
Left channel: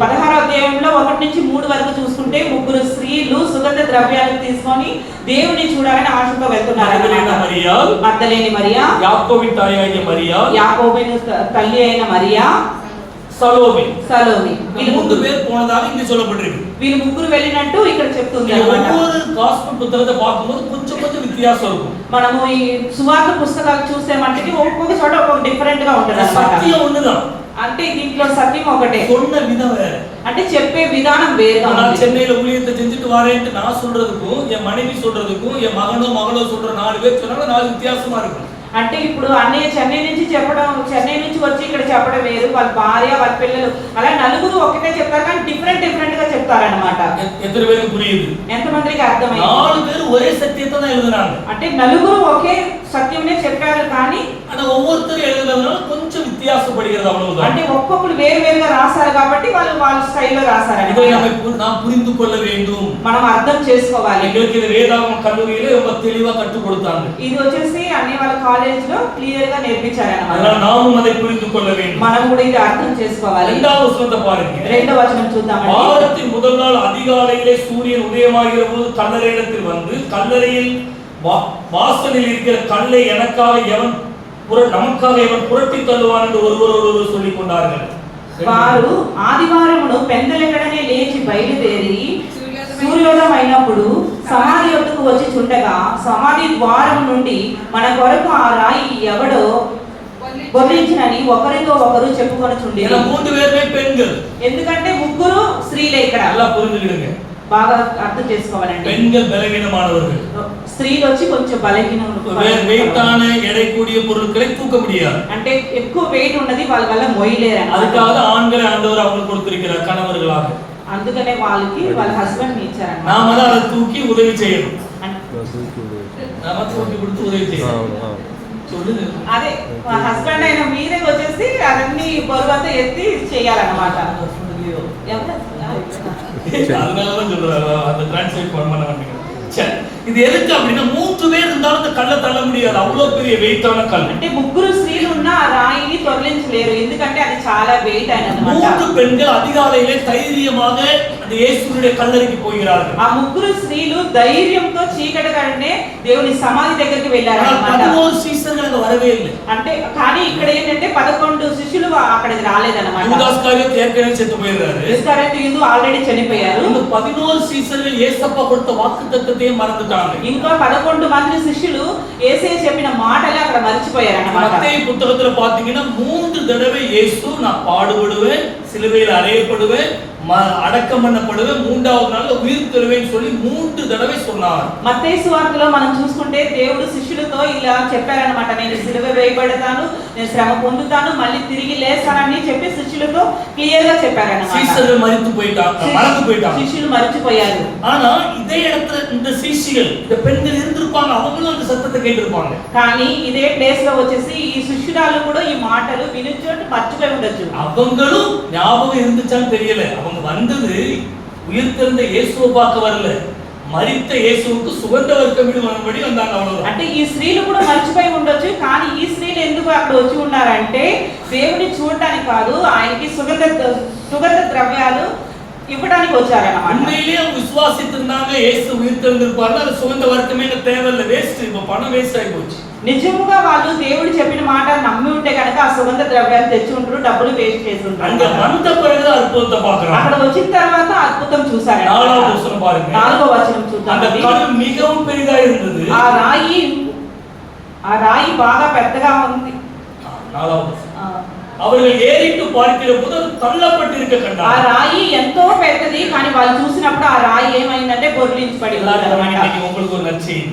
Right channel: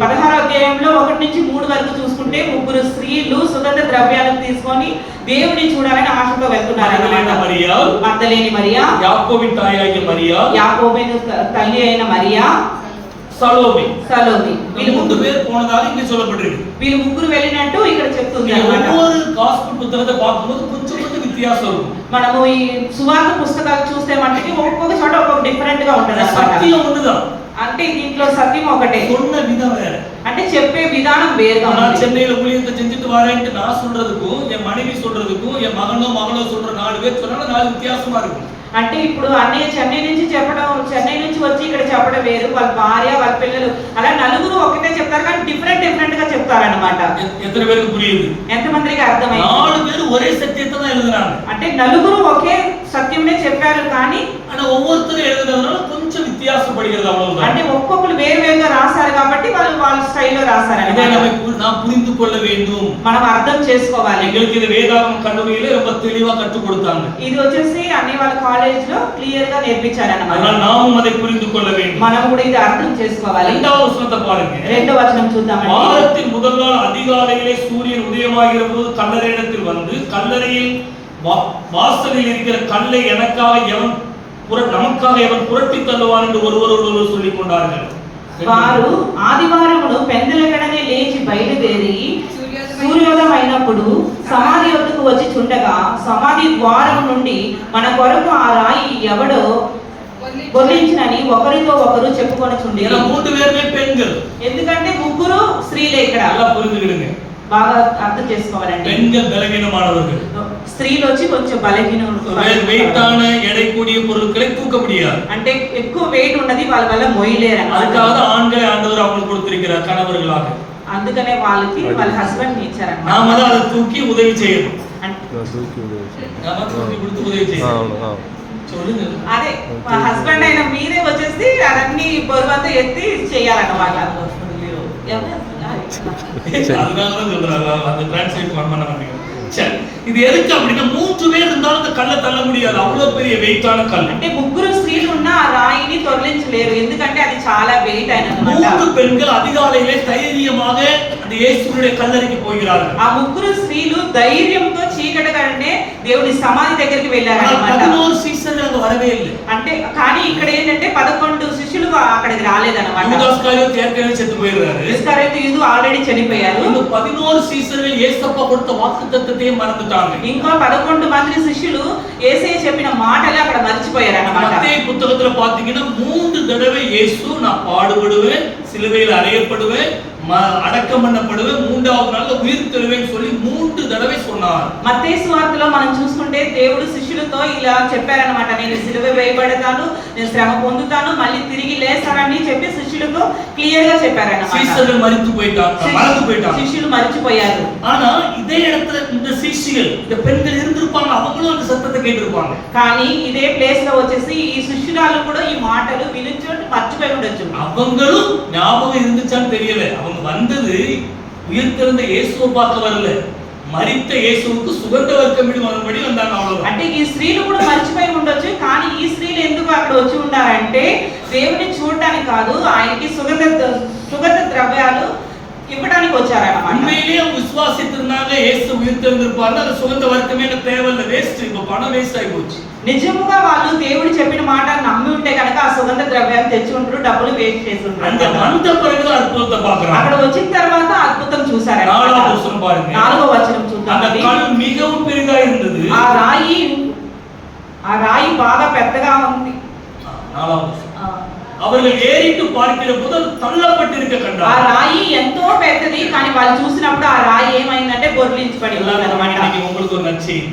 16వ అధ్యాయంలో 1 నుంచి 3 వరకు చూసుకుంటే ముగ్గురు స్త్రీలు సుగంధ ద్రవ్యాలను తీసుకొని దేవుని చూడాలని ఆశతో వెళ్తున్నారు. మగ్దలేని మరియా, యాకోబిన్ తాయాగిన మరియా, యాకోబిన్ తల్లి అయిన మరియా, సలోమి. వీళ్ళు 3 பேர் போனதாக இங்க சொல்லப்பட்டிருக்கு. వీళ్ళు ముగ్గురు వెళ్ళినట్టు ఇక్కడ చెప్తుంది అన్నమాట. ఒక్కొక్క గాస్పెల్ పుస్తకத்தை பார்க்கும்போது కొంచెం వ్యత్యాసం ఉంటుంది. మనము ఈ సువార్త పుస్తకాలు చూస్తే మనకి ఒక్కొక్క చోట ఒక్కొక్క డిఫరెంట్ గా ఉంటుంది అన్నమాట. సత్యం ఉండదు. అంటే దీంట్లో సత్యం ఒకటే, சொன்ன விதம் வேற. అంటే చెప్పే విధానం వేరుగా ఉంది. நான் சென்னையில ஊழியத்தை செஞ்சுட்டு வரேன்னு நான் சொல்றதுக்கும் என் மனைவி சொல்றதுக்கும் என் மகனோ சொல்ற 4 பேர் சொன்னா 4 வித்தியாசமா இருக்கும். అంటే ఇప్పుడు అన్నయ్య చెన్నై నుంచి చెప్పడం, చెన్నై నుంచి వచ్చి ఇక్కడ చెప్పడం వేరు, వాళ్ళ భార్య వాళ్ళ పిల్లలు అలా నలుగురు ఒకటే చెప్తారు కానీ డిఫరెంట్ గా చెప్తారన్నమాట. ఎత్తన పేருக்கு புரியுது? ఎంతమందికి అర్థమైంది? 4 பேர் ఒకే సత్యத்தை தான் எழுதுறாங்க. అంటే నలుగురు ఒకే సత్యంనే చెప్పారు కానీ అలా ఒక్కొక్కరు எழுதுறதுனால కొంచెం వ్యత్యాసపడుகிறது అవ్వడం. అంటే ఒక్కొక్కరు వేరువేరుగా రాశారు కాబట్టి వాళ్ళు వాళ్ళ స్టైల్లో రాశారన్నమాట. இதை நாம் புரிந்து கொள்ள வேண்டும். మనం అర్థం చేసుకోవాలి. எங்களுக்கு இது வேதாகம கல்லூரியில ரொம்ப தெளிவா கற்றுக் கொடுத்தாங்க. ఇది వచ్చేసి అన్ని వాళ్ళ కాలేజ్ లో క్లియర్ గా నేర్పించారన్నమాట. அதனால நாமும் அதை புரிந்து கொள்ள வேண்டும். మనం కూడా ఇది అర్థం చేసుకోవాలి. இரண்டாவது வசனத்தை பாருங்க. రెండవ వచనం చూద్దామండి. வாரத்தின் முதல் நாள் அதிகாலையிலே சூரியன் உதயமாகிற போது கல்லறையிடத்தில் வந்து கல்லறையில் வாசலில் இருக்கிற கல்லை நமக்காக எவன் புரட்டி தள்ளுவான் என்று ஒருவரோடு சொல்லிக் கொண்டார்கள். వారు ఆదివారమును పెందలెక్కడనే లేచి బయలుదేరి సూర్యోదయం అయినప్పుడు సమాధి వద్దకు వచ్చి చుండగా సమాధి ద్వారం నుండి మన కొరకు ఆ రాయి ఎవడో బొర్లించినని ఒకరితో ఒకరు చెప్పుకొని చుండేరు. 3 பேருமே பெண்கள். ఎందుకంటే ముగ్గురు స్త్రీలే ఇక్కడ. అలా పురిందుగిడుங்க. బాగా అర్థం చేసుకోవాలండి. பெண்கள் பலவீனமானவர்கள். స్త్రీలు వచ్చి కొంచెం బలహీనలు. వెయిటాன எடை கூடிய பொருட்களை தூக்க முடியாது. అంటే ఎక్కువ వెయిట్ ఉన్నది వాళ్ళ వల్ల మోయలేరు అన్నమాట. அதுக்காக தான் ஆண்களை ஆண்டவர் அவங்களுக்கு கொடுத்திருக்கிறார் கணவர்களாக. అందుకనే వాళ్ళకి వాళ్ళ హస్బెండ్ ఇచ్చారన్నమాట. நாம தான் அதை தூக்கி உதவி செய்யணும். நாம தூக்கி கொடுத்து உதவி செய்யணும். சொல்லுங்க. అదే మా హస్బెండ్ అయిన మీరే వచ్చేసి అదన్నీ బరువంతా ఎత్తి చేయాలన్నమాట. அதனாலதான் சொல்றாரு அந்த டிரான்ஸ்லேட் பண்ண மாட்டீங்க. சரி, இது எதுக்கு அப்படின்னா 3 பேர் இருந்தாலும் அந்த கல்லை தள்ள முடியாது, அவ்வளவு பெரிய வெயிட்டான கல். అంటే ముగ్గురు స్త్రీలు ఉన్న ఆ రాయిని తొలగించలేరు, ఎందుకంటే అది చాలా వెయిట్ అయినదన్నమాట. 3 பெண்கள் அதிகாலையிலே தைரியமாக அந்த இயேசுவுடைய கல்லறைக்கு போகிறார்கள். ఆ ముగ్గురు స్త్రీలు ధైర్యంతో చీకటిగానే దేవుని సమాధి దగ్గరికి వెళ్ళారన్నమాట. 11 శిష్యులు అక్కడ வரவே இல்லை. అంటే కానీ ఇక్కడ ఏంటంటే 11 శిష్యులు అక్కడికి రాలేదన్నమాట. యూదాస్ కారియత్ ఏర్కనే చెత్త పోయారు. ఇస్కరియోతు యూదు ఆల్రెడీ చనిపోయారు. இந்த 11 శిష్యులు యేసప్ప கொடுத்த వాగ్దానத்தை మறந்துட்டாங்க. ఇంకా 11 మంది శిష్యులు యేసయ్య చెప్పిన మాటలు అక్కడ మర్చిపోయారన్నమాట. మత్తయి పుస్తకத்துல பாத்தீங்கன்னா 3 தடவை இயேசு நான் பாடுபடுவேன், சிலுவையில் அறையப்படுவேன், அடக்கம் பண்ணப்படுவேன், 3வது நாள்ல உயிர் தெழுவேன்னு சொல்லி 3 தடவை சொன்னார். మత్తయి సువార్తలో మనం చూసుకుంటే దేవుడు శిష్యులతో ఇలా చెప్పారన్నమాట, నేను సిలువ వేయబడతాను, నేను శ్రమ పొందుతాను, మళ్ళీ తిరిగి లేస్తానని చెప్పి శిష్యులతో క్లియర్ గా చెప్పారన్నమాట. శిష్యులు మరిచి పోయిட்டாங்க. శిష్యులు మరిచిపోయారు. ஆனா இதே இடத்துல இந்த శిష్యులు இந்த பெண்கள் இருந்திருப்பாங்க, அவங்களும் அந்த சத்தத்தை கேட்டிருப்பாங்க. కానీ ఇదే ప్లేస్ లో వచ్చేసి ఈ శిష్యురాలు కూడా ఈ మాటలు వినిచోటి మర్చిపోయి ఉండొచ్చు. அவங்களும் ஞாபகம் இருந்துச்சான்னு தெரியல. அவங்க வந்தது உயிர்த்தெழுந்த இயேசுவை பார்க்க வரல, మరిత యేసువుకు సుగంధ వర్గమిడి మనబడి వந்தாங்க అవ్వదు. అంటే ఈ స్త్రీలు కూడా మర్చిపోయి ఉండొచ్చు, కానీ ఈ స్త్రీలు ఎందుకు అక్కడ వచ్చి ఉన్నారంటే దేవుని చూడడానికి కాదు, ఆయనకి సుగంధ ద్రవ్యాలు ఇవ్వడానికి వచ్చారన్నమాట. உண்மையிலேயே அவங்க விசுவாசித்திருந்தாங்க இயேசு உயிர்த்தெழுந்திருப்பாரு, அது சுகந்த வர்க்கமே தேவையில்லை, வேஸ்ட், இப்ப பணம் வேஸ்ட் ஆகி போச்சு. నిజముగా వాళ్ళు దేవుడు చెప్పిన మాట నమ్మి ఉంటే కనుక ఆ సుగంధ ద్రవ్యాలు తెచ్చి ఉంటారు, డబ్బులు వేస్ట్ చేసి ఉంటారు. அங்க வந்த பிறகு அற்புதத்தை பார்க்கறாங்க. అక్కడ వచ్చిన తర్వాత అద్భుతం చూశారు. 4వ వచనం பாருங்க. 4వ వచనం చూద్దాం. அந்த கல் மிகவும் பெரிதா இருந்தது. ఆ రాయి బాగా పెద్దగా ఉంది. 4వ వచనం. அவர்கள் ஏறிட்டு பார்க்கிற போது அது தள்ளப்பட்டிருக்க கண்டார். ఆ రాయి ఎంతో పెద్దది, కానీ వాళ్ళు చూసినప్పుడు ఆ రాయి ఏమైందంటే బొర్లించబడి எல்லாரும் இன்னைக்கு உங்களுக்கு ஒரு நற்செய்தி,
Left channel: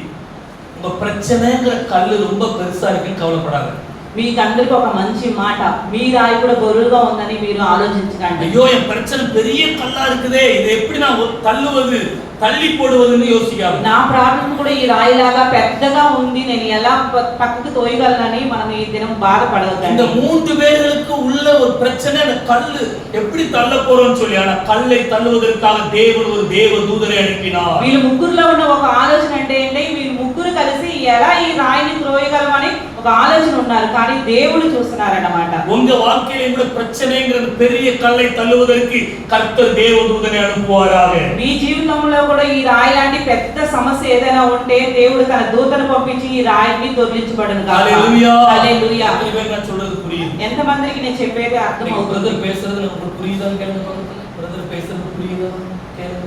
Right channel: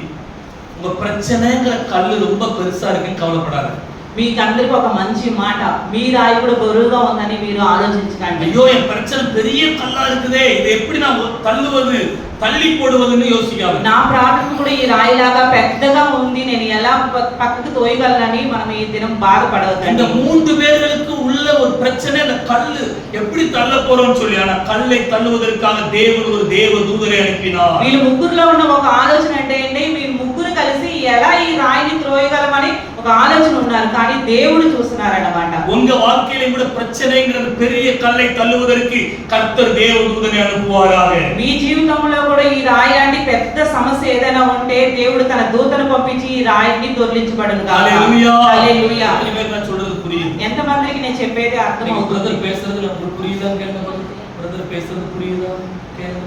உங்க பிரச்சனைங்கிற கல்லு ரொம்ப பெருசா இருக்குன்னு கவலைப்படாத. మీకు అందరికి ఒక మంచి మాట, మీ రాయి కూడా బరువుగా ఉందని మీరు ఆలోచించకండి. ஐயோ என் பிரச்சனை பெரிய கல்லா இருக்குதே, இதை எப்படி நான் தள்ளுவது தள்ளி போடுவதுன்னு யோசிக்காது. నా ప్రాబ్లం కూడా ఈ రాయిలాగా పెద్దగా ఉంది, నేను ఎలా పక్కకు తోయగలనని మనం ఈ దినం బాధపడవద్దండి. இந்த 3 பேர்களுக்கு உள்ள ஒரு பிரச்சனை, அந்த கல்லு எப்படி தள்ள போறோம்னு சொல்லி, ஆனா கல்லை தள்ளுவதற்காக தேவன் ஒரு தேவ தூதரை அனுப்பினார். వీళ్ళు ముగ్గురులో ఉన్న ఒక ఆలోచన ఏంటంటే వీళ్ళు ముగ్గురు కలిసి ఎలా ఈ రాయిని త్రోయగలమని ఒక ఆలోచన ఉన్నారు, కానీ దేవుడు చూస్తున్నారన్నమాట. உங்க வாழ்க்கையில கூட பிரச்சனைங்கிற பெரிய கல்லை தள்ளுவதற்கு கர்த்தர் தேவ தூதரை அனுப்புவாராக. మీ జీవితంలో కూడా ఈ రాయి లాంటి పెద్ద సమస్య ఏదైనా ఉంటే దేవుడు తన దూతను పంపించి ఈ రాయిని దొర్లించబడును గాక. హల్లెలూయా. హల్లెలూయా. நான் சொல்றது புரியுது? ఎంత మందికి నేను చెప్పేది అర్థమవుతుంది? பிரதர் பேசுறது நமக்கு புரியுதான்னு கேளுங்க. பிரதர் பேசுறது புரியுதா கேளுங்க.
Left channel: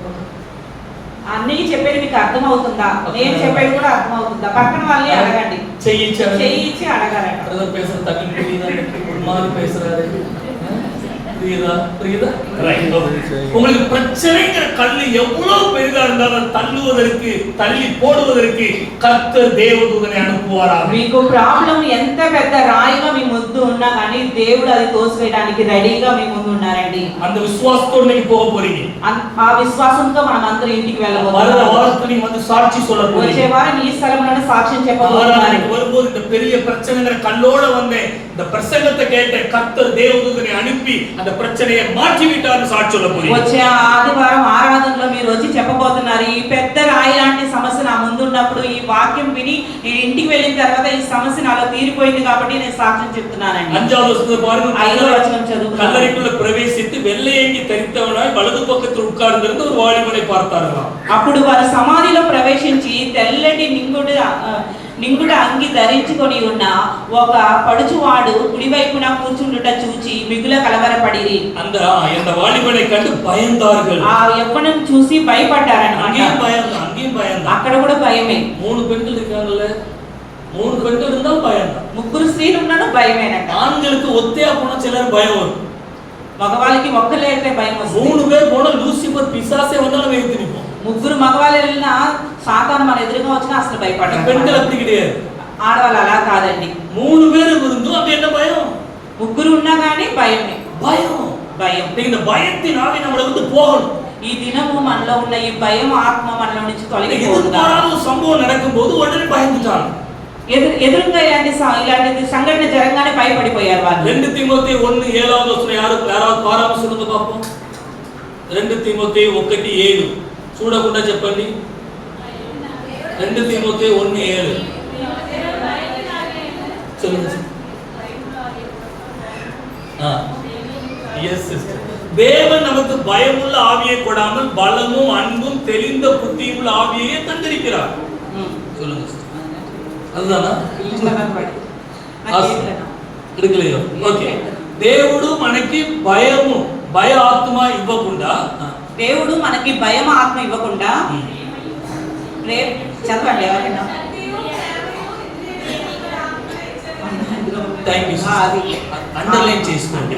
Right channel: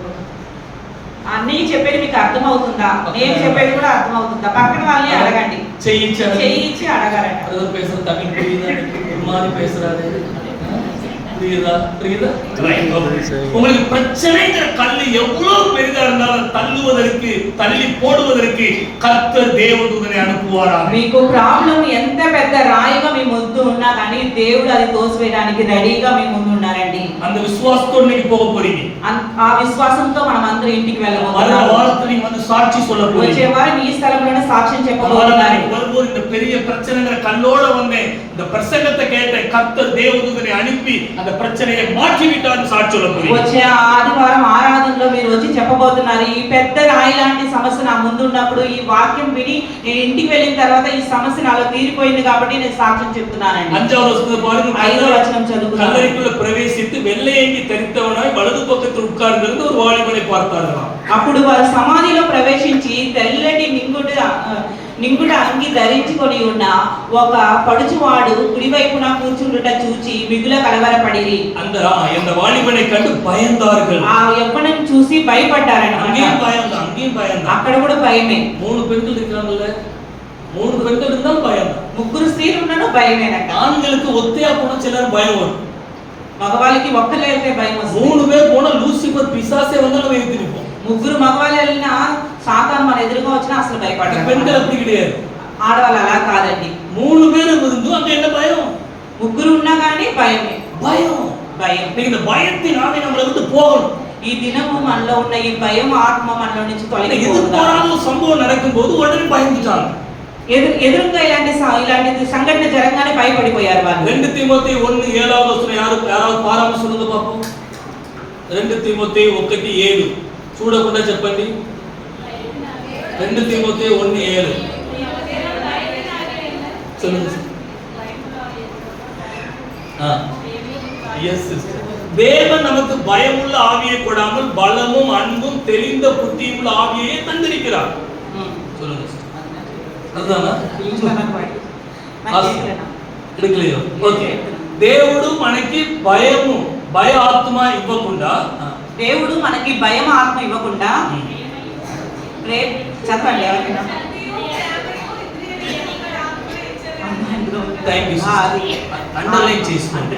అన్నీ చెప్పేది మీకు అర్థమవుతుందా, నేను చెప్పేది కూడా అర్థమవుతుందా? పక్కన వాళ్ళని అడగండి, చెయ్యిచ్చి అడగాలంట. பிரதர் பேசுறது தமிழ் புரியுதா? மாதிரி பேசுறாரு புரியுதா? புரியுதா? உங்களுக்கு பிரச்சனைங்கிற கல்லு எவ்வளவு பெரிதா இருந்தாலும் தள்ளுவதற்கு தள்ளி போடுவதற்கு கர்த்தர் தேவதூதனை அனுப்புவாராக. మీకు ప్రాబ్లం ఎంత పెద్ద రాయిగా మీ ముందు ఉన్నా కానీ దేవుడు అది తోసివేయడానికి రెడీగా మీ ముందు ఉన్నారండి. அந்த விசுவாசத்தோட நீங்க போக போறீங்க. ఆ విశ్వాసంతో మనం అందరం ఇంటికి వెళ్ళబోతున్నాం. வர வாரத்துல நீங்க வந்து சாட்சி சொல்ல போறீங்க. వచ్చే వారం ఈ స్థలంలోనే సాక్ష్యం చెప్పబోతున్నారు. வரும்போது இந்த பெரிய பிரச்சனைங்கிற கல்லோட வந்தேன், இந்த பிரசங்கத்தை கேட்ட கர்த்தர் தேவதூதனை அனுப்பி அந்த பிரச்சனையை மாற்றி விட்டார்னு சாட்சி சொல்ல போறீங்க. వచ్చే ఆదివారం ఆరాధనలో మీరు వచ్చి చెప్పబోతున్నారు, ఈ పెద్ద రాయి లాంటి సమస్య నా ముందు ఉన్నప్పుడు ఈ వాక్యం విని నేను ఇంటికి వెళ్ళిన తర్వాత ఈ సమస్య నాలో తీరిపోయింది కాబట్టి నేను సాక్ష్యం చెప్తున్నానండి. 5వ వచనం பாருங்க. 5వ వచనం చదువుకుందాం. கல்லறைக்குள்ள பிரவேசித்து வெள்ளையங்கி தரித்தவனாய் வலது பக்கத்தில் உட்கார்ந்திருந்த ஒரு வாலிபனை பார்த்தார்களாம். అప్పుడు వారు సమాధిలో ప్రవేశించి తెల్లటి నింగుడ అంగి ధరించుకొని ఉన్న ఒక పడుచువాడు కుడివైపున కూర్చుండుట చూచి మిగుల కలవరపడిరి. அந்த வாலிபனை கண்டு பயந்தார்கள். ఆ యవ్వనం చూసి భయపడ్డారన్నమాట. அங்கேயும் பயம். అక్కడ కూడా భయమే. 3 பெண்கள் இருக்காங்கல்ல, 3 பெண்கள் இருந்தாலும் பயம் தான். ముగ్గురు స్త్రీలు ఉన్నాను భయమేనట. ஆண்களுக்கு ஒத்தையா போனா சிலர் பயம் வரும், మగవాళ్ళకి ఒక్కలే అయితే భయం వస్తుంది. 3 பேர் போனா லூசிபர் பிசாசே வந்தாலும் வெயித்து நிப்போம். ముగ్గురు మగవాళ్ళు వెళ్ళినా సాతాను మన ఎదురుగా వచ్చినా అసలు భయపడరు. பெண்கள் அப்படி கிடையாது, ఆడవాళ్ళు అలా కాదండి. 3 பேர் இருந்தும் அங்க என்ன பயம்? ముగ్గురు ఉన్నా కానీ భయమే. భయం. இந்த பயத்தின் ஆவி நம்மள விட்டு போகணும். ఈ దినము మనలో ఉన్న ఈ భయం ఆత్మ మనలో నుంచి తొలగిపోవాలి. ஒரு சம்பவம் நடக்கும்போது உடனே பயந்துட்டாங்க. ఎదురుగా ఇలాంటి సంఘటన జరగగానే భయపడిపోయారు వాళ్ళు. 2 తిమోతి 1:7 వస్తున్న యారాவது పారామర్శంగా పాపం. 2 తిమోతి 1:7 చూడకుండా చెప్పండి. 2 తిమోతి 1:7 சொல்லுங்க. Yes sister. தேவன் நமக்கு பயமுள்ள ஆவியை கொடாமல் பலமும் அன்பும் தெளிந்த புத்தியும் உள்ள ஆவியை தந்திருக்கிறார். சொல்லுங்க சிஸ்டர். அதுதானா? எடுக்கலையோ? ఓకే. దేవుడు మనకి భయ ఆత్మ ఇవ్వకుండా, దేవుడు మనకి భయం ఆత్మ ఇవ్వకుండా చదవండి ఎవరైనా. అండర్లైన్ చేసుకోండి.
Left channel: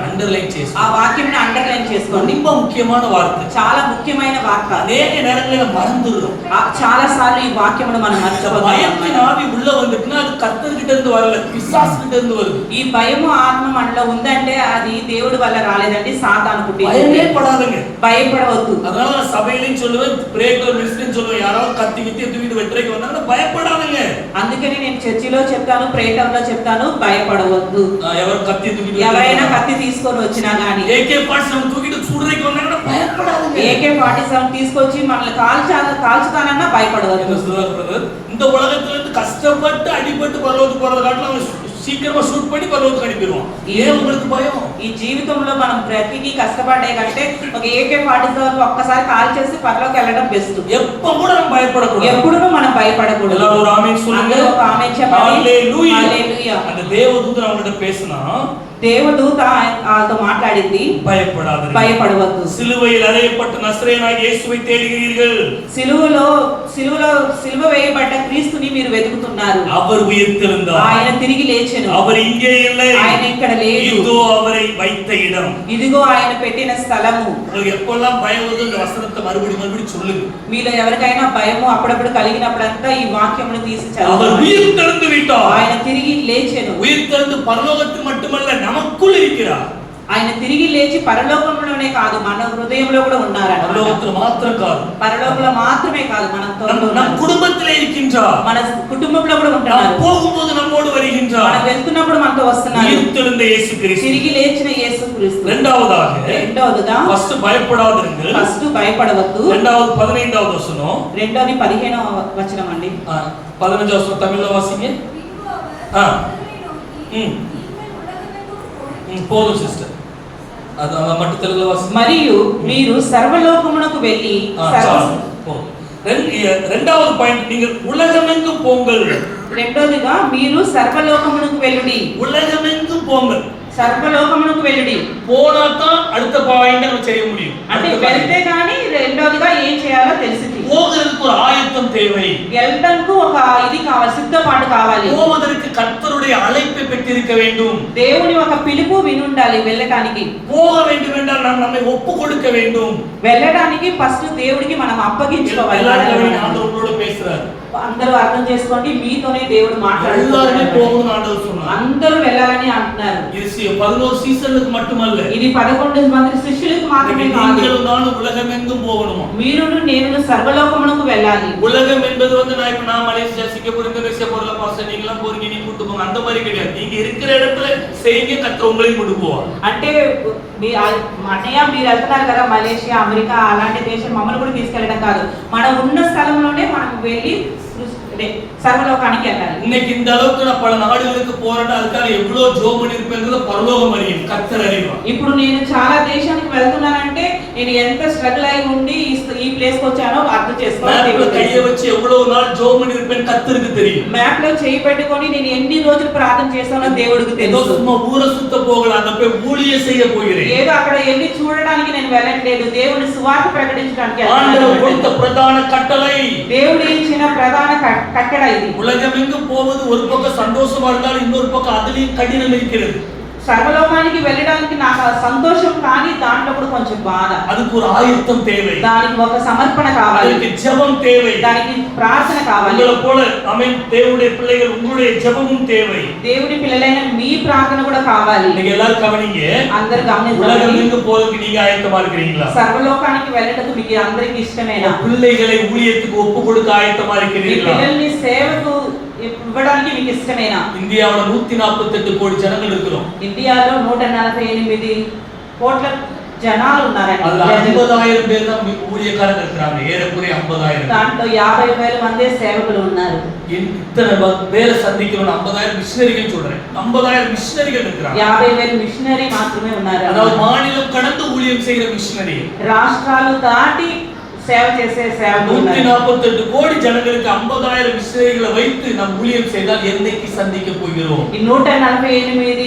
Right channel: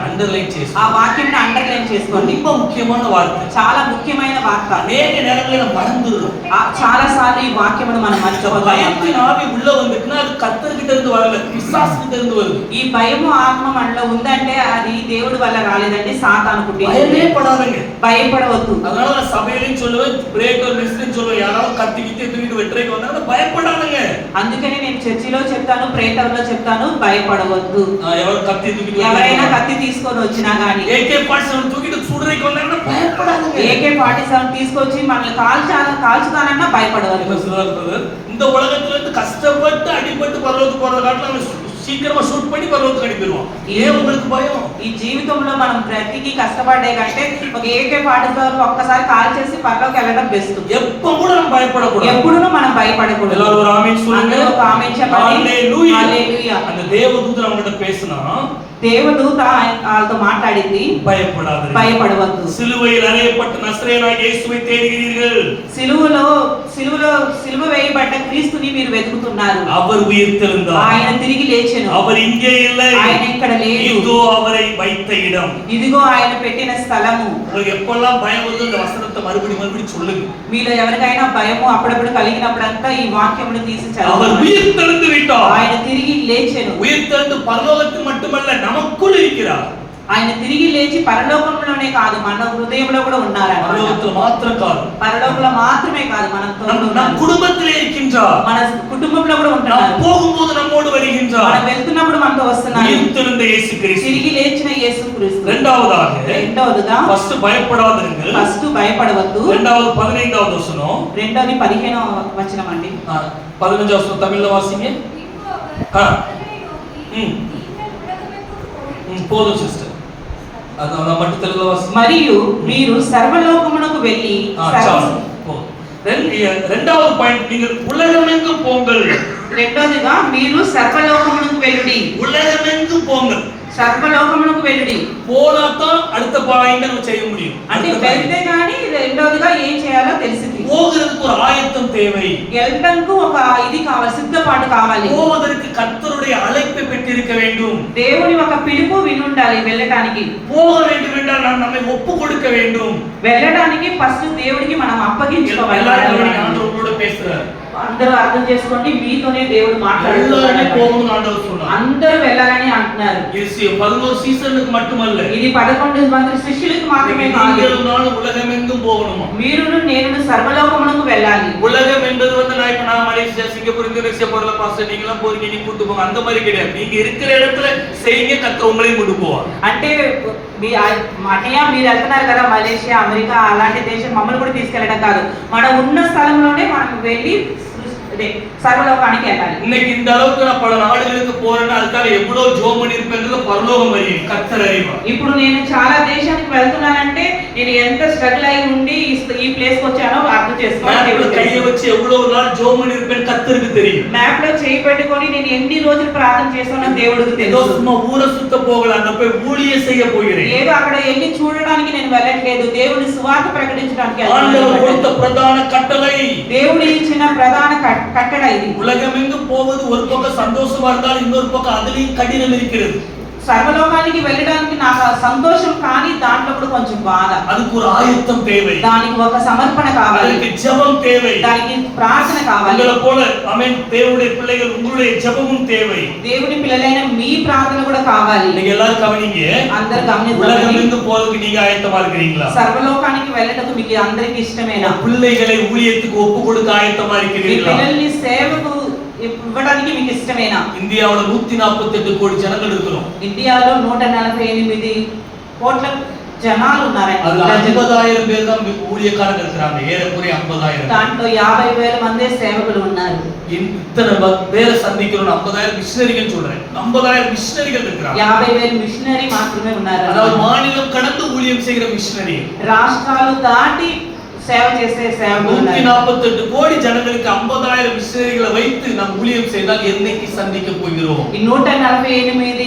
ఆ వాక్యం అండర్లైన్ చేసుకోండి. ரொம்ப ముఖ్యమైన వార్త, చాలా ముఖ్యమైన వార్త. అనేక நேரங்களில் மறந்துடுறோம். చాలా సార్లు ఈ వాక్యమును మనం మర్చిపోతాం. பயத்தின் ஆவி உள்ள வந்துட்டுனா அது கர்த்தர்கிட்ட இருந்து வரல, பிசாசுகிட்ட இருந்து வருது. ఈ భయము ఆత్మ మనలో ఉందంటే అది దేవుడి వల్ల రాలేదండి, సాతాను పుట్టింది. பயமே படாதீங்க, భయపడవద్దు. அதனால நான் சபையிலும் சொல்லுவேன், பிரேக்கர் மிஸ்ட்ரின்னு சொல்லுவேன், யாராவது கத்தி தூக்கிட்டு வெட்டரைக்கு வந்தாங்கன்னா பயப்படாதீங்க. అందుకనే నేను చర్చిలో చెప్తాను, ప్రేటర్లో చెప్తాను, భయపడవద్దు. ఎవరు కత్తి తూకిட்டு ఎవరైనా కత్తి తీసుకొని వచ్చినా గానీ, AK-47 తూకిட்டு சுடுறதுக்கு வந்தாங்கன்னா பயப்படாதீங்க. AK-47 తీసుకొచ్చి మనల్ని కాల్చుతానన్నా భయపడవద్దు. இந்த உலகத்துல இருந்து கஷ்டப்பட்டு அடிபட்டு பரலோகத்துக்கு போறத காட்டிலும் சீக்கிரமா ஷூட் பண்ணி பரலோகத்துக்கு அனுப்பிடுவான். ஏன் உங்களுக்கு பயம்? ఈ జీవితంలో మనం బ్రతికి కష్టపడే కంటే ఒక AK-47 ఒక్కసారి కాల్ చేసి పరలోకి వెళ్ళడం బెస్ట్. எப்ப கூட நம்ம பயப்படக்கூடாது, ఎప్పుడూ మనం భయపడకూడదు. எல்லாரும் ஒரு ஆமென் சொல்லுங்க. ఒక ఆమేన్ చెప్పండి. హల్లెలూయా. హల్లెలూయా. அந்த தேவதூதன் அவங்ககிட்ட பேசினா, దేవదూత వాళ్ళతో మాట్లాడింది, భయపడవద్దు. సిలువയിൽ అరేయப்பட்ட నజరేయునాగిய యేసుவை தேடுகிறீர்கள். సిలువ వేయబడ్డ క్రీస్తుని మీరు వెతుకుతున్నారు. அவர் உயிர்த்தெழுந்தார், ఆయన తిరిగి లేచెను. அவர் இங்கே இல்லை, ఆయన ఇక్కడ లేడు. இதோ அவரை வைத்த இடம், ఇదిగో ఆయన పెట్టిన స్థలము. உங்களுக்கு எப்பெல்லாம் பயம் வருது இந்த వசனத்தை மறுபடி சொல்லுங்க. మీలో ఎవరికైనా భయము అప్పుడప్పుడు కలిగినప్పుడంతా ఈ వాక్యమును తీసి చదవండి. அவர் உயிர்த்தெழுந்து விட்டார், ఆయన తిరిగి లేచెను. உயிர்த்தெழுந்து பரலோகத்தில் மட்டுமல்ல நமக்குள் இருக்கிறார். ఆయన తిరిగి లేచి పరలోకంలోనే కాదు మన హృదయంలో కూడా ఉన్నారు. పరలోకத்துல మాత్రం కాదు, పరలోకంలో మాత్రమే కాదు మన కుటుంబத்திலே இருக்கின்றார், మన కుటుంబంలో కూడా ఉంటున్నారు. போகும்போது நம்மோடு வருகின்றார், మనం వెళ్తున్నప్పుడు మనతో వస్తున్నారు. உயிர்த்தெழுந்த இயேசு கிறிஸ்து, తిరిగి లేచిన యేసు క్రీస్తు. రెండవదిగా ఫస్ట్ భయపడాదిరుంగ, ఫస్ట్ భయపడవద్దు. రెండవది 15వ వచనం, రెండోది 15వ వచనం అండి. 15వ వచనం తమిళ్లో వాసింగే. పోదు సిస్టర్, అది మట్టు తెలుగులో వాసింగే. మరియు మీరు సర్వలోకమునకు వెళ్ళి, రెండవ పాయింట్, நீங்க உலகமெங்கும் போங்கள். రెండోదిగా మీరు సర్వలోకమునకు వెళ్ళుడి. உலகமெங்கும் போங்கள், సర్వలోకమునకు వెళ్ళుడి. போனாதான் அடுத்த பாயிண்ட் நம்ம செய்ய முடியும். అంటే వెళ్తే గాని రెండోదిగా ఏం చేయాలో తెలిసింది. போகிறதுக்கு ஒரு ஆயத்தம் தேவை, వెళ్ళడానికి ఒక ఇది కావాలి, సిద్ధపాటు కావాలి. போவதற்கு கர்த்தருடைய அழைப்பை பெற்றிருக்க வேண்டும், దేవుని ఒక పిలుపు వినుండాలి. వెళ్ళడానికి போக வேண்டும் என்றால் நாம் நம்மை ஒப்பு கொடுக்க வேண்டும். వెళ్ళడానికి ఫస్ట్ దేవుడికి మనం అప్పగించుకోవాలి. எல்லாரும் ஆண்டவரோட பேசுறாரு, అందరూ అర్థం చేసుకోండి, మీతోనే దేవుడు మాట్లాడుతున్నాడు. అందరూ వెళ్ళాలని అంటున్నారు. ఇది 11 సీజన్లకు மட்டுமல்ல, ఇది 11 మంది శిష్యులకు మాత్రమే కాదు. உலகமெங்கும் போகணுமா, మీరును నేను సర్వలోకమునకు వెళ్ళాలి. உலகம் என்பது வந்து நான் இப்ப நான் மலேசியா சிங்கப்பூர் இந்தோனேசியா போறல பாஸ்டர் நீங்கலாம் போறீங்க நீங்க கூட்டி போங்க அந்த மாதிரி கிடையாது. நீங்க இருக்கிற இடத்துல செய்யுங்க, கர்த்தர் உங்களையும் கூட்டி போவார். అంటే అన్నయ్య మీరు వెళ్తున్నారు కదా మలేషియా, అమెరికా అలాంటి దేశం, మమ్మల్ని కూడా తీసుకెళ్ళడం కాదు, మనం ఉన్న స్థలంలోనే మనం వెళ్ళి సర్వలోకానికి వెళ్ళాలి. இன்னைக்கு இந்த அளவுக்கு நான் பல நாடுகளுக்கு போறேன்னா அதுக்காக எவ்வளவு ஜோம் பண்ணிருப்பேங்கிறது பரலோகம் அறியும், கர்த்தர் அறிவார். ఇప్పుడు నేను చాలా దేశాలకు వెళ్తున్నానంటే నేను ఎంత స్ట్రగుల్ అయి ఉండి ఈ ప్లేస్ కి వచ్చానో అర్థం చేసుకోవాలి. மேப்ல கையை வச்சு எவ்வளவு நாள் ஜோம் பண்ணிருப்பேன் கர்த்தருக்கு தெரியும். మ్యాప్ లో చేయి పెట్టుకొని నేను ఎన్ని రోజులు ప్రార్థన చేస్తానో దేవుడికి తెలుసు. சும்மா ஊரை சுத்த போகல, அங்க போய் ஊழியம் செய்ய போகிறேன். ఏదో అక్కడ వెళ్ళి చూడడానికి నేను వెళ్ళట్లేదు, దేవుడి సువార్త ప్రకటించడానికి ஆண்டவர் கொடுத்த பிரதான கட்டளை, దేవుడు ఇచ్చిన ప్రధాన కట్టడ ఇది. உலகமெங்கும் போவது ஒரு பக்கம் சந்தோஷமா இருந்தால் இன்னொரு பக்கம் அதுலயும் கடினம் இருக்கிறது. సర్వలోకానికి వెళ్ళడానికి నాకు సంతోషం, కానీ దాంట్లో కూడా కొంచెం బాధ. அதுக்கு ஒரு ஆயத்தம் தேவை, దానికి ఒక సమర్పణ కావాలి, அதுக்கு ஜெபம் தேவை, దానికి ప్రార్థన కావాలి. உங்களை போல ஆமென் தேவனுடைய பிள்ளைகள் உங்களுடைய ஜெபமும் தேவை. దేవుని పిల్లలైన మీ ప్రార్థన కూడా కావాలి. நீங்க எல்லாரும் கவனிங்க, అందరూ గమనించండి. உலகமெங்கும் போறதுக்கு நீங்க ஆயத்தமா இருக்கிறீங்களா? సర్వలోకానికి వెళ్ళటకు మీకు అందరికి ఇష్టమేనా? பிள்ளைகளை ஊழியத்துக்கு ஒப்பு கொடுக்க ஆயத்தமா இருக்கிறீர்களா? పిల్లల్ని సేవకు ఇవ్వడానికి మీకు ఇష్టమేనా? இந்தியாவுல 148 கோடி ஜனங்கள் இருக்கிறோம். ఇండియాలో 148 కోట్ల జనాలు ఉన్నారండి. அதுல 50,000 பேர் தான் ஊழியக்காரங்க இருக்காங்க. ஏறக்குறைய 50,000. దాంట్లో 50,000 మంది సేవకులు ఉన్నారు. இத்தனை பேரை சந்திக்கிறோம். 50,000 மிஷனரிகள் சொல்றேன். 50,000 மிஷனரிகள் இருக்காங்க. 50,000 మిషనరీ మాత్రమే ఉన్నారు. அதாவது மாநிலம் கடந்து ஊழியம் செய்கிற மிஷனரி. రాష్ట్రాలు దాటి సేవ చేసే సేవకులు ఉన్నారు. 148 கோடி ஜனங்களுக்கு 50,000 மிஷனரிகளை வைத்து நாம் ஊழியம் செய்தால் என்னைக்கு சந்திக்க போகிறோம்? ఈ 148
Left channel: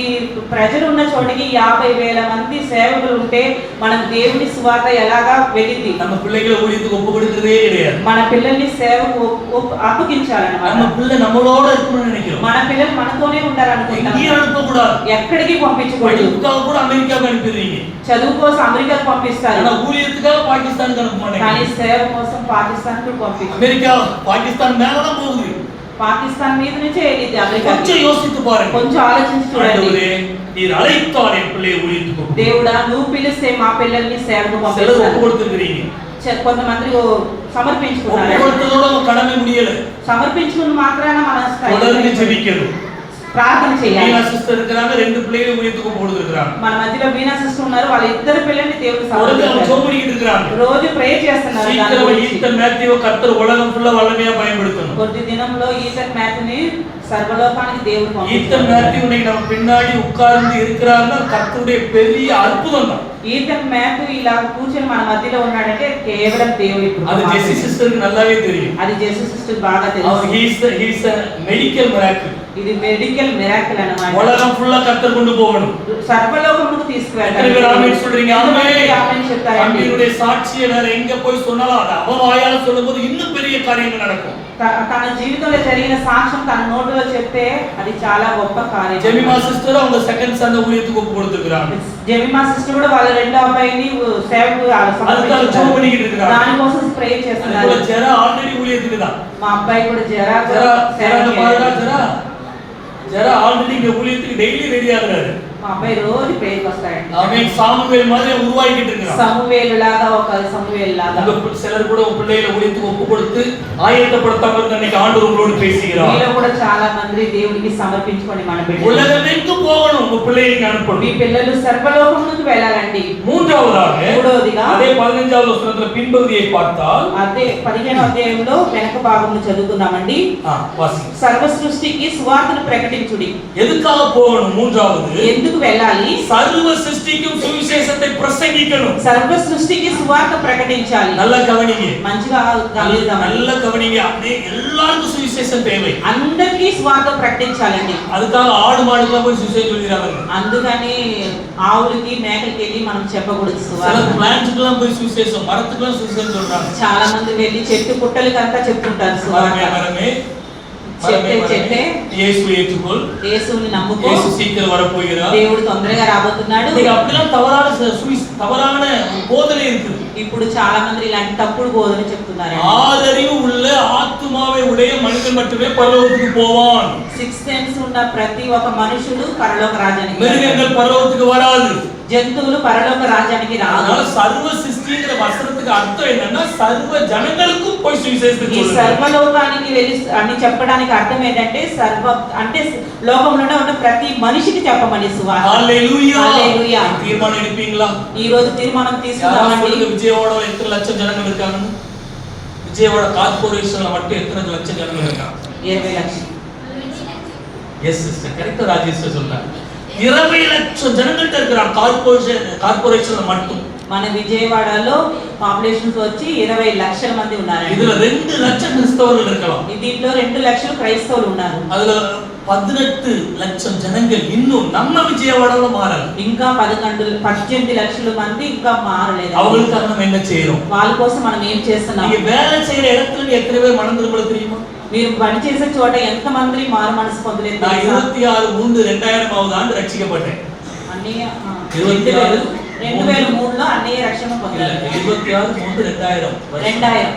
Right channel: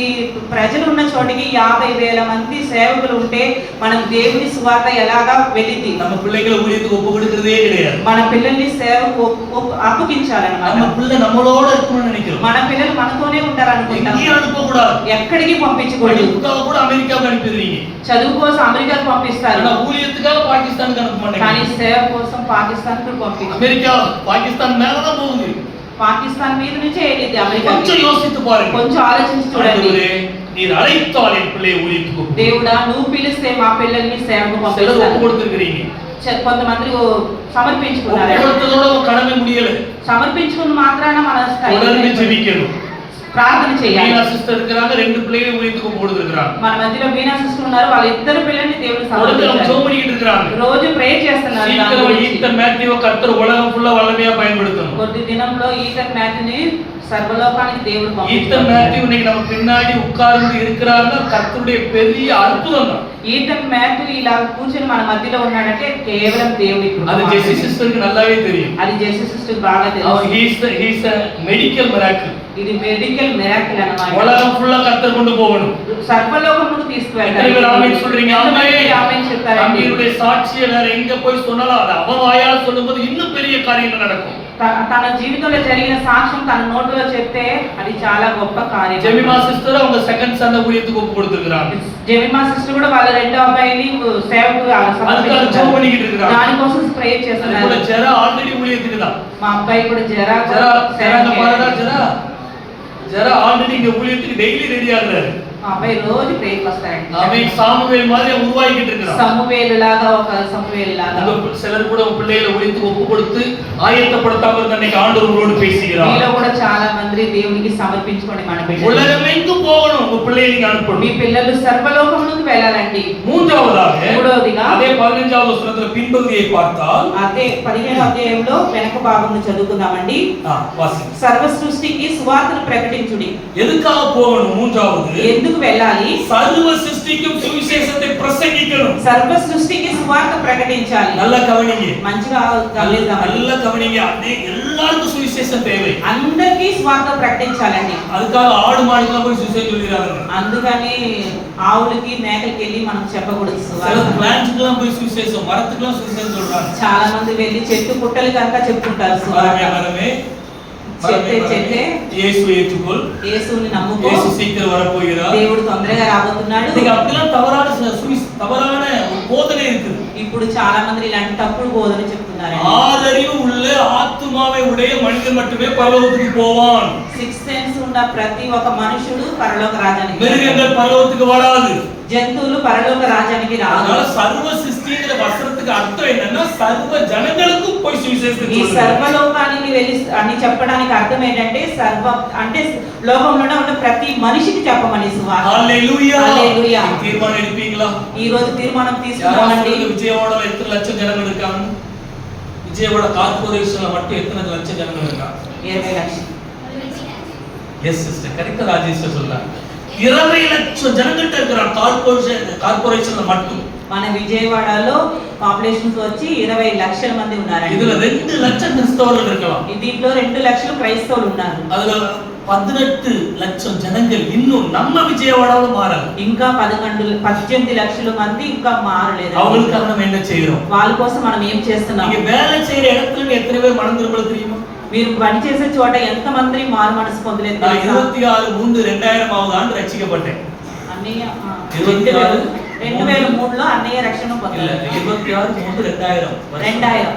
ప్రజలు ఉన్న చోటికి 50,000 మంది సేవకులు ఉంటే మనం దేవుని సువార్త ఎలాగా వెళ్ళింది? நம்ம பிள்ளைகளை ஊழியத்துக்கு ஒப்பு கொடுக்கிறதே கிடையாது. మన పిల్లల్ని సేవకు అప్పగించాలన్నమాట. நம்ம பிள்ளை நம்மளோட இருக்கணும்னு நினைக்கிறோம். మన పిల్లలు మనతోనే ఉంటారనుకుంటాం. எங்கேயும் அனுப்ப கூடாது. ఎక్కడికి పంపించకూడదు. படிப்புக்காக கூட அமெரிக்காவுக்கு அனுப்பிடுறீங்க. చదువు కోసం అమెరికాకు పంపిస్తారు. ஆனா ஊழியத்துக்காக பாகிஸ்தானுக்கு அனுப்ப மாட்டேங்க. కానీ సేవ కోసం పాకిస్తాన్కు పంపిస్తారు. அமெரிக்கா பாகிஸ்தான் மேல தான் போகுது. పాకిస్తాన్ మీద నుంచే వెళ్ళింది అమెరికా. கொஞ்சம் யோசித்து பாருங்க. కొంచెం ఆలోచించి చూడండి. நீர் அழைத்தால் என் பிள்ளை ஊழியத்துக்கு దేవుడా నువ్వు పిలిస్తే మా పిల్లల్ని సేవకు ஒப்பு పంపిస్తాను. கொடுத்துக்கிறீங்க. కొంతమంది సమర్పించుకున్నారు. ஒவ்வொருத்தரோட கடமை முடியல. సమర్పించుకున్న మాత్రాన మన தொடர்ந்து ஜெபிக்கணும். ప్రార్థన చేయాలి. మీనా సిస్టర్ இருக்கிறாங்க. ரெண்டு பிள்ளைகளை ஊழியத்துக்கு ஒப்பு கொடுத்துக்கிறாங்க. మన మధ్యలో మీనా సిస్టర్ ఉన్నారు. వాళ్ళ ఇద్దరు పిల్లల్ని దేవుడు அவங்க సమర్పించారు. ஜெபம் பண்ணிட்டு இருக்காங்க. రోజు ప్రేయర్ చేస్తున్నారు. சீக்கிரம் ஈஸ்டர் மேத்யூ கர்த்தர் உலகம் ஃபுல்லா வல்லமையா பயன்படுத்தணும். కొద్ది దినంలో ఈస్టర్ మ్యాథ్ని సర్వలోకానికి దేవుడు ஈஸ்டர் மேத்யூ இன்னைக்கு நம்ம பின்னாடி உட்கார்ந்து இருக்கிறாருன்னா கர்த்தருடைய பெரிய அற்புதம் தான். ఈస్టర్ మ్యాథ్ ఇలా కూర్చొని మన మధ్యలో ఉన్నాడంటే కేవలం దేవుడి కృప. அது ஜெசி సిస్టర్కి நல்லாவே தெரியும். అది జెస్సీ సిస్టర్ బాగా அவர் తెలుసు. he is a medical miracle. ఇది మెడికల్ మిరాకిల్ అన్నమాట. உலகம் ஃபுல்லா கர்த்தர் கொண்டு போகணும். సర్వలోకముకు తీసుకువెళ్ళాలి. எத்தனை பேர் ஆமென் சொல்றீங்க? ஆமென். ఆమేన్ చెప్తారండి. தம்பியுடைய சாட்சியை வேற எங்க போய் சொன்னாலும் அது அவன் வாயால சொல்லும்போது இன்னும் பெரிய காரியங்கள் நடக்கும். తన జీవితంలో జరిగిన సాక్ష్యం తన నోటిలో చెప్తే అది చాలా గొప్ప కార్యం. ஜெமிமா சிஸ்டர் அவங்க செகண்ட் சன் ஊழியத்துக்கு ஒப்பு கொடுத்திருக்காங்க. జెమిమా సిస్టర్ కూడా వాళ్ళ రెండో అబ్బాయిని సేవకు அதுக்காக ஜெபம் பண்ணிட்டு இருக்காங்க. దానికోసం ప్రే அதுல చేస్తున్నారు. ஜெரா ఆల్రెడీ ஊழியத்துக்கு தான். మా అబ్బాయి కూడా జరా ஜெரா ஆல்ரெடி இங்க ஊழியத்துக்கு டெய்லி ரெடி ஆகுறாரு. మా అబ్బాయి రోజు ప్రేయర్కి వస్తాడండి. அவன் சாமுவேல் மாதிரி உருவாக்கிட்டு இருக்கான். సమూయేలు లాగా ఒక సమూయేలు లాగా. உங்க சிலர் கூட உங்க பிள்ளைகளை ஊழியத்துக்கு ஒப்பு கொடுத்து ஆயத்தப்படுத்தாம இருந்த அன்னைக்கு ஆண்டவர் உங்களோடு பேசுகிறார். మీలో కూడా చాలా మంది దేవునికి సమర్పించుకోండి మన బిడ్డలు. உலகமெங்கும் போகணும். உங்க பிள்ளைகளை அனுப்பணும். మీ పిల్లలు సర్వలోకమునకు వెళ్ళాలండి. மூன்றாவதாக అదే 15వ వచనத்துல பின்பகுதியை பார்த்தால் అదే 15వ అధ్యాయంలో వెనక భాగంలో చదువుకుందామండి. వాసి సర్వ సృష్టికి సువార్తను ప్రకటించుడి. எதுக்காக போகணும்? மூன்றாவது ఎందుకు వెళ్ళాలి? சர்வ சிருஷ்டிக்கும் சுவிசேஷத்தை பிரசங்கிக்கணும். సర్వ సృష్టికి సువార్త ప్రకటించాలి. நல்லா கவனிங்க. మంచిగా గమనిద్దాం. நல்லா கவனிங்க. அதே எல்லாருக்கும் சுவிசேஷம் தேவை. అందరికీ సువార్త ప్రకటించాలండి. அதுக்காக ஆடு மாடுக்குலாம் போய் சுவிசேஷம் சொல்லிறாங்க. అందుకని ఆవులకి మేకలకి వెళ్ళి మనం చెప్పకూడదు சில సువార్త. பிளான்ட்க்குலாம் போய் சுவிசேஷம், மரத்துக்குலாம் சுவிசேஷம் சொல்றாங்க. చాలా మంది వెళ్ళి చెట్టు పుట్టలకి అంతా చెప్తుంటారు సువార్త. மரமே చెట్టే இயேசுவை ஏற்றுக்கொள். యేసుని నమ్ముకో. இயேசு சீக்கிரம் வர போகிறார். దేవుడు తొందరగా రాబోతున్నాడు. இன்னைக்கு அப்படிலாம் தவறான போதனை இருக்குது. ఇప్పుడు చాలా మంది ఇలాంటి తప్పుడు బోధన చెప్తున్నారు. ஆதறிவு உள்ள ஆத்துமாவை உடைய மனிதன் மட்டுமே பரலோகத்துக்கு போவான். 6 సెన్స్ ఉన్న ప్రతి ఒక్క మనుషుడు పరలోక రాజ్యానికి. மிருகங்கள் பரலோகத்துக்கு வராது. జంతువులు పరలోక రాజ్యానికి రావు. அதனால சர்வ சிருஷ்டிங்கிற வசனத்துக்கு அர்த்தம் என்னன்னா சர்వ ஜனங்களுக்கும் போய் சுவிசேஷத்தை ఈ சொல்லணும். సర్వలోకానికి వెళ్ళి అని చెప్పడానికి అర్థం ఏంటంటే సర్వ అంటే లోకంలో ఉన్న ప్రతి మనిషికి చెప్పమని సువార్త. హల్లెలూయా. హల్లెలూయా. தீர்மானம் எடுப்பீங்களா? ఈ రోజు తీర్మానం తీసుకుందామండి. விஜயவாடல எத்தனை லட்சம் ஜனங்கள் இருக்காங்க? விஜயவாட கார்ப்பரேஷன்ல மட்டும் எத்தனை லட்சம் ஜனங்கள் இருக்காங்க? 20 లక్షలు. எஸ் சிஸ்டர், கரெக்ட்டா ராஜேஷ் சொல்றாங்க. 20 லட்சம் ஜனங்கள்ட்ட இருக்கிறாங்க கார்ப்பரேஷன்ல மட்டும். మన విజయవాడలో పాపులేషన్స్ వచ్చి 20 లక్షల మంది ఉన్నారండి. இதுல 2 லட்சம் கிறிஸ்தவர்கள் இருக்கலாம். దీంట్లో 2 లక్షల క్రైస్తవులు ఉన్నారు. அதுல 18 லட்சம் ஜனங்கள் இன்னும் நம்ம விஜயவாடால மாறல. ఇంకా 18 లక్షల మంది ఇంకా మారలేదు. அவங்களுக்காக நம்ம என்ன செய்றோம்? వాళ్ళ కోసం మనం ఏం చేస్తున్నాం? நீங்க வேலை செய்யற இடத்துல எத்தனை பேர் மனம் திரும்பல தெரியுமா? మీరు పని చేసే చోట ఎంత మంది మారు మనసు పొందలేదు? நான் 26/3/2000வது ஆண்டு ரட்சிக்கப்பட்டேன். అన్నయ్య 26 2003లో అన్నయ్య రక్షణ పొందారు. 26/3/2000. 2000.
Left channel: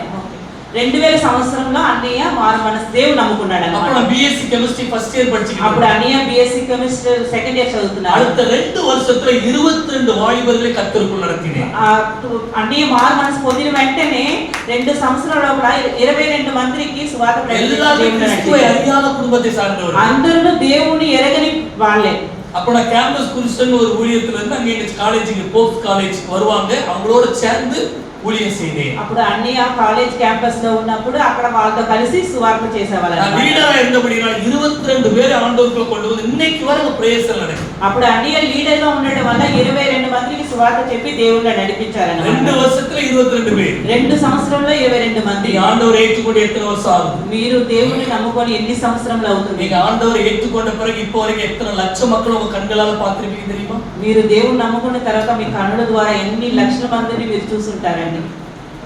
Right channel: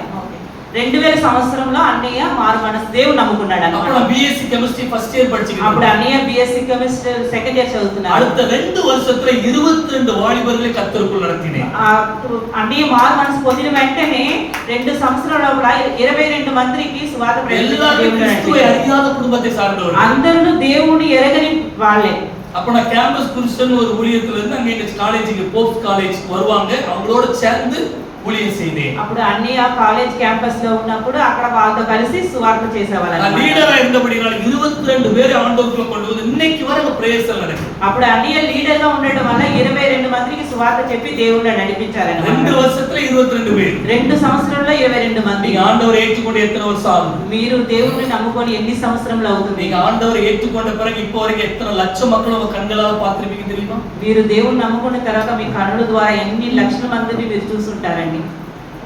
2000 సంవత్సరంలో అన్నయ్య మారు మనసు దేవుడు నమ్ముకున్నాడు அப்ப అన్నమాట. நான் BSc chemistry first year படிச்சிட்டு అప్పుడు అన్నయ్య బిఎస్సి కెమిస్ట్రీ సెకండ్ ఇయర్ చదువుతున్నాడు. அடுத்த 2 வருஷத்துல 22 வாலிபர்களை கர்த்தருக்குள் நடத்தினேன். అన్నయ్య మారు మనసు పొందిన వెంటనే 2 సంవత్సరాల లోపల 22 మందికి సువార్త எல்லாரும் கிறிஸ்துவை அறியாத குடும்பத்தை சார்ந்தவர்கள். అందరూ దేవుని ఎరగని వాళ్ళే. அப்ப நான் கேம்பஸ் குருஸ்டன் ஒரு ஊழியத்துல இருந்து அங்க இந்த காலேஜுக்கு போப்ஸ் காலேஜ் வருவாங்க, அவங்களோட சேர்ந்து ஊழியம் செய்தேன். అప్పుడు అన్నయ్య కాలేజ్ క్యాంపస్ లో ఉన్నప్పుడు అక్కడ వాళ్ళతో కలిసి సువార్త చేసేవాళ్ళు. நான் లీడரா இருந்தபடியால் 22 பேரை ஆண்டவருக்குள்ள கொண்டு வந்து இன்னைக்கு வரை பிரேயர்ஸ் எல்லாம் நடக்குது. అప్పుడు అన్నయ్య లీడర్ గా ఉండడం వల్ల 22 మందికి సువార్త చెప్పి దేవుణ్ణి నడిపించారన్నమాట. 2 வருஷத்துல 22 பேர். 2 సంవత్సరంలో 22 మంది. நீங்க ஆண்டவரை ஏற்றுக்கொண்டு எத்தனை வருஷம் ஆகுது? మీరు దేవుణ్ణి నమ్ముకొని ఎన్ని సంవత్సరములు అవుతుంది? நீங்க ஆண்டவரை ஏற்றுக்கொண்ட பிறகு இப்போ வரைக்கும் எத்தனை லட்சம் மக்கள் உங்க கண்களால பார்த்திருப்பீங்க தெரியுமா? మీరు దేవుణ్ణి నమ్ముకున్న తర్వాత మీ కన్నుల ద్వారా ఎన్ని లక్షల మందిని మీరు చూసుంటారండి.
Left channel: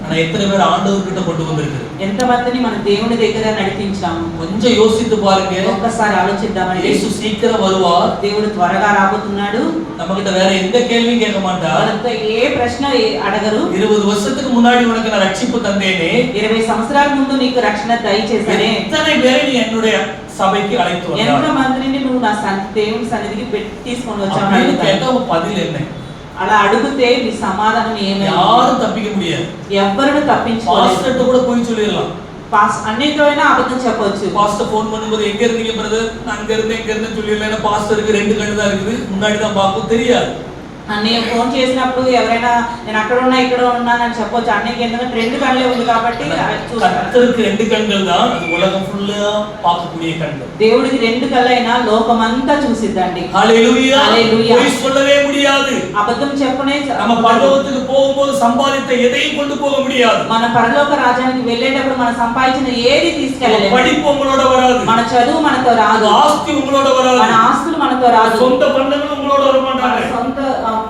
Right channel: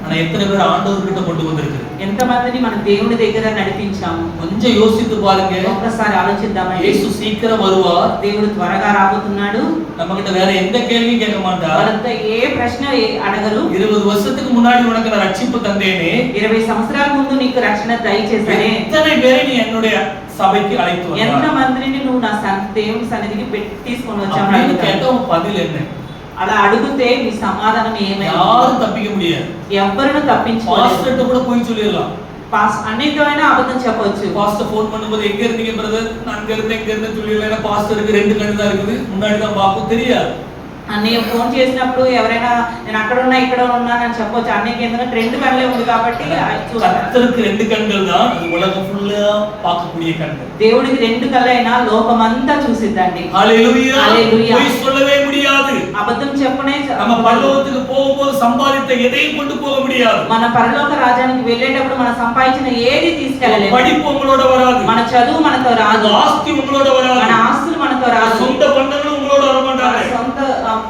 ஆனா எத்தனை பேர் ஆண்டவர்கிட்ட கொண்டு வந்திருக்கு? ఎంత మందిని మన దేవుని దగ్గర నడిపించాము? கொஞ்சம் யோசித்து பாருங்க. ఒక్కసారి ఆలోచిద్దామండి. இயேசு சீக்கிரம் வருவார். దేవుడు త్వరగా రాబోతున్నాడు. நம்மகிட்ட வேற எந்த கேள்வியும் கேட்க மாட்டார். వాళ్ళతో ఏ ప్రశ్న అడగరు. 20 வருஷத்துக்கு முன்னாடி உனக்கு நான் ரட்சிப்பு தந்தேனே, 20 సంవత్సరాల ముందు నీకు రక్షణ దయచేసానే, எத்தனை பேரை நீ என்னுடைய சபைக்கு அழைத்து வந்தாய்? ఎంత మందిని నువ్వు నా దేవుని సన్నిధికి తీసుకొని వచ్చావు? அப்படின்னு கேட்டா உன் பதில் என்ன? అలా అడిగితే నీ సమాధానం ఏమైనా? யாரும் தப்பிக்க முடியாது. ఎవరిని తప్పించుకోలేరు. பாஸ்டர்ட்ட கூட போய் சொல்லிடலாம். అన్నిటిలోనే అబద్ధం చెప్పొచ్చు. பாஸ்டர் ஃபோன் பண்ணும்போது எங்க இருந்தீங்க பிரதர்? நான் அங்க இருந்து சொல்லிடலாம். ஏன்னா பாஸ்டருக்கு 2 கண்ணு தான் இருக்குது, முன்னாடி தான் பார்க்கும், தெரியாது. అన్నయ్య ఫోన్ చేసినప్పుడు ఎవరైనా నేను అక్కడ ఉన్నా ఇక్కడ ఉన్నానని చెప్పొచ్చు. అన్నయ్యకి ఎందుకంటే 2 కళ్ళే ఉంది కాబట్టి கர்த்தருக்கு 2 கண்கள் தான், அது உலகம் ஃபுல்லா பார்க்கக்கூடிய கண்கள். దేవుడికి 2 కళ్ళైనా లోకమంతా చూసిద్దండి. ஹalleluya. హల్లెలూయా. போய் சொல்லவே முடியாது. అబద్ధం చెప్పనే நம்ம பரலோகத்துக்கு போகும்போது சம்பாதித்த எதையும் கொண்டு போக முடியாது. మన పరలోక రాజ్యానికి వెళ్ళేటప్పుడు మనం సంపాదించిన ఏది తీసుకెళ్ళలేము. படிப்பு உங்களோட வராது. మన చదువు మనతో రాదు. ஆஸ்தி உங்களோட வராது. మన ఆస్తులు మనతో రాదు. சொந்த பந்தங்கள் உங்களோட வர மாட்டாங்க. సొంత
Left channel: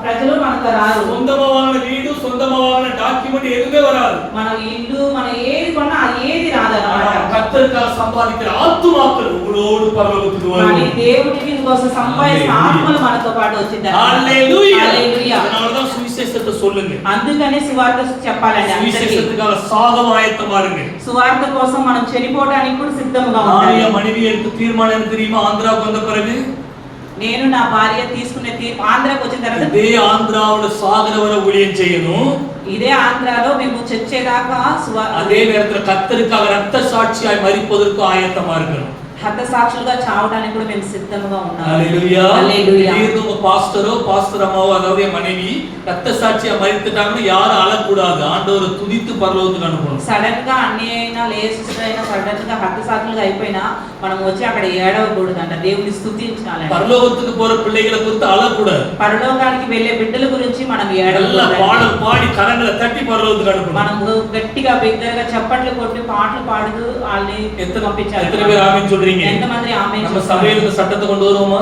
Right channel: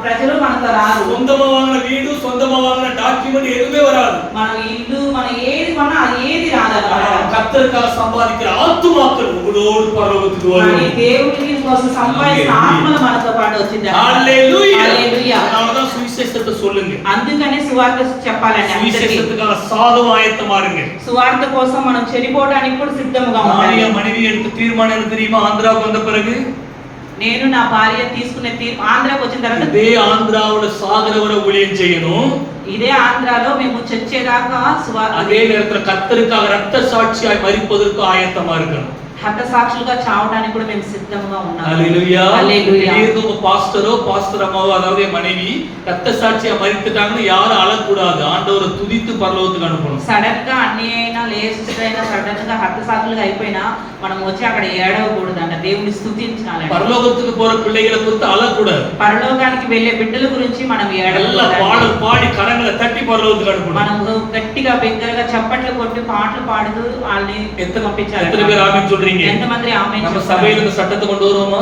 ప్రజలు మనతో రారు. சொந்தமா வாங்கின வீடு, சொந்தமா வாங்கின டாக்குமெண்ட் எதுவுமே வராது. మన ఇల్లు మన ఏది కొన్నా ఏది రాదన్నమాట. கர்த்தருக்காக சம்பாதிக்கிற ஆத்துமாக்கள் உங்களோடு பரலோகத்துக்கு வரும். మరి దేవునికి కోసం సంపాదించిన ఆత్మలు మనతో పాటు వచ్చింది. హల్లెలూయా. హల్లెలూయా. அதனாலதான் சுவிசேஷத்தை சொல்லுங்க. అందుకనే సువార్త చెప్పాలండి అందరికీ. சுவிசேஷத்துக்காக சாகவ ஆயத்தமா இருங்க. సువార్త కోసం మనం చనిపోవడానికి కూడా సిద్ధంగా ఉండాలి. மனைவி எடுத்த தீர்மானம் என்ன தெரியுமா? ஆந்திராவுக்கு வந்த பிறகு నేను నా భార్య తీసుకునే తీర్పు ఆంధ్రాకి వచ్చిన తర్వాత இதே ஆந்திராவோட சாகர வரை ஊழியம் செய்யணும். ఇదే ఆంధ్రాలో మేము చచ్చేదాకా அதே நேரத்துல கர்த்தருக்காக ரத்த சாட்சியாய் மரிப்பதற்கு ஆயத்தமா இருக்கணும். హత సాక్షులుగా చావడానికి కూడా మేము సిద్ధంగా ఉన్నాము. ஹalleluya. హల్లెలూయా. திடீர்னு உங்க பாஸ்டரோ பாஸ்டர் அம்மாவோ அதாவது என் மனைவி ரத்த சாட்சியா மரித்துட்டாங்கன்னு யாரும் அழக்கூடாது. ஆண்டவரை துதித்து பரலோகத்துக்கு அனுப்பணும். సడన్ గా అన్ని అయినా లేసిస్టర్ అయినా సడన్ గా హత సాక్షులుగా అయిపోయినా మనం వచ్చి అక్కడ ఏడవకూడదు అంట. దేవుని స్తుతించాలి. பரலோகத்துக்கு போற பிள்ளைகளை குறித்து அழக்கூடாது. పరలోకానికి వెళ్ళే బిడ్డల గురించి మనం நல்லா பாடல் பாடி கரங்களை தட்டி பரலோகத்துக்கு அனுப்பணும். మనం గట్టిగా బిగ్గరగా చప్పట్లు కొట్టి పాటలు పాడుతూ వాళ్ళని పంపించాలి. எத்தனை பேர் ஆமென் சொல்றீங்க? ఎంతమంది ఆమేన్ நம்ம చెప్తారు? சபையில இந்த சட்டத்தை கொண்டு வருவோமா?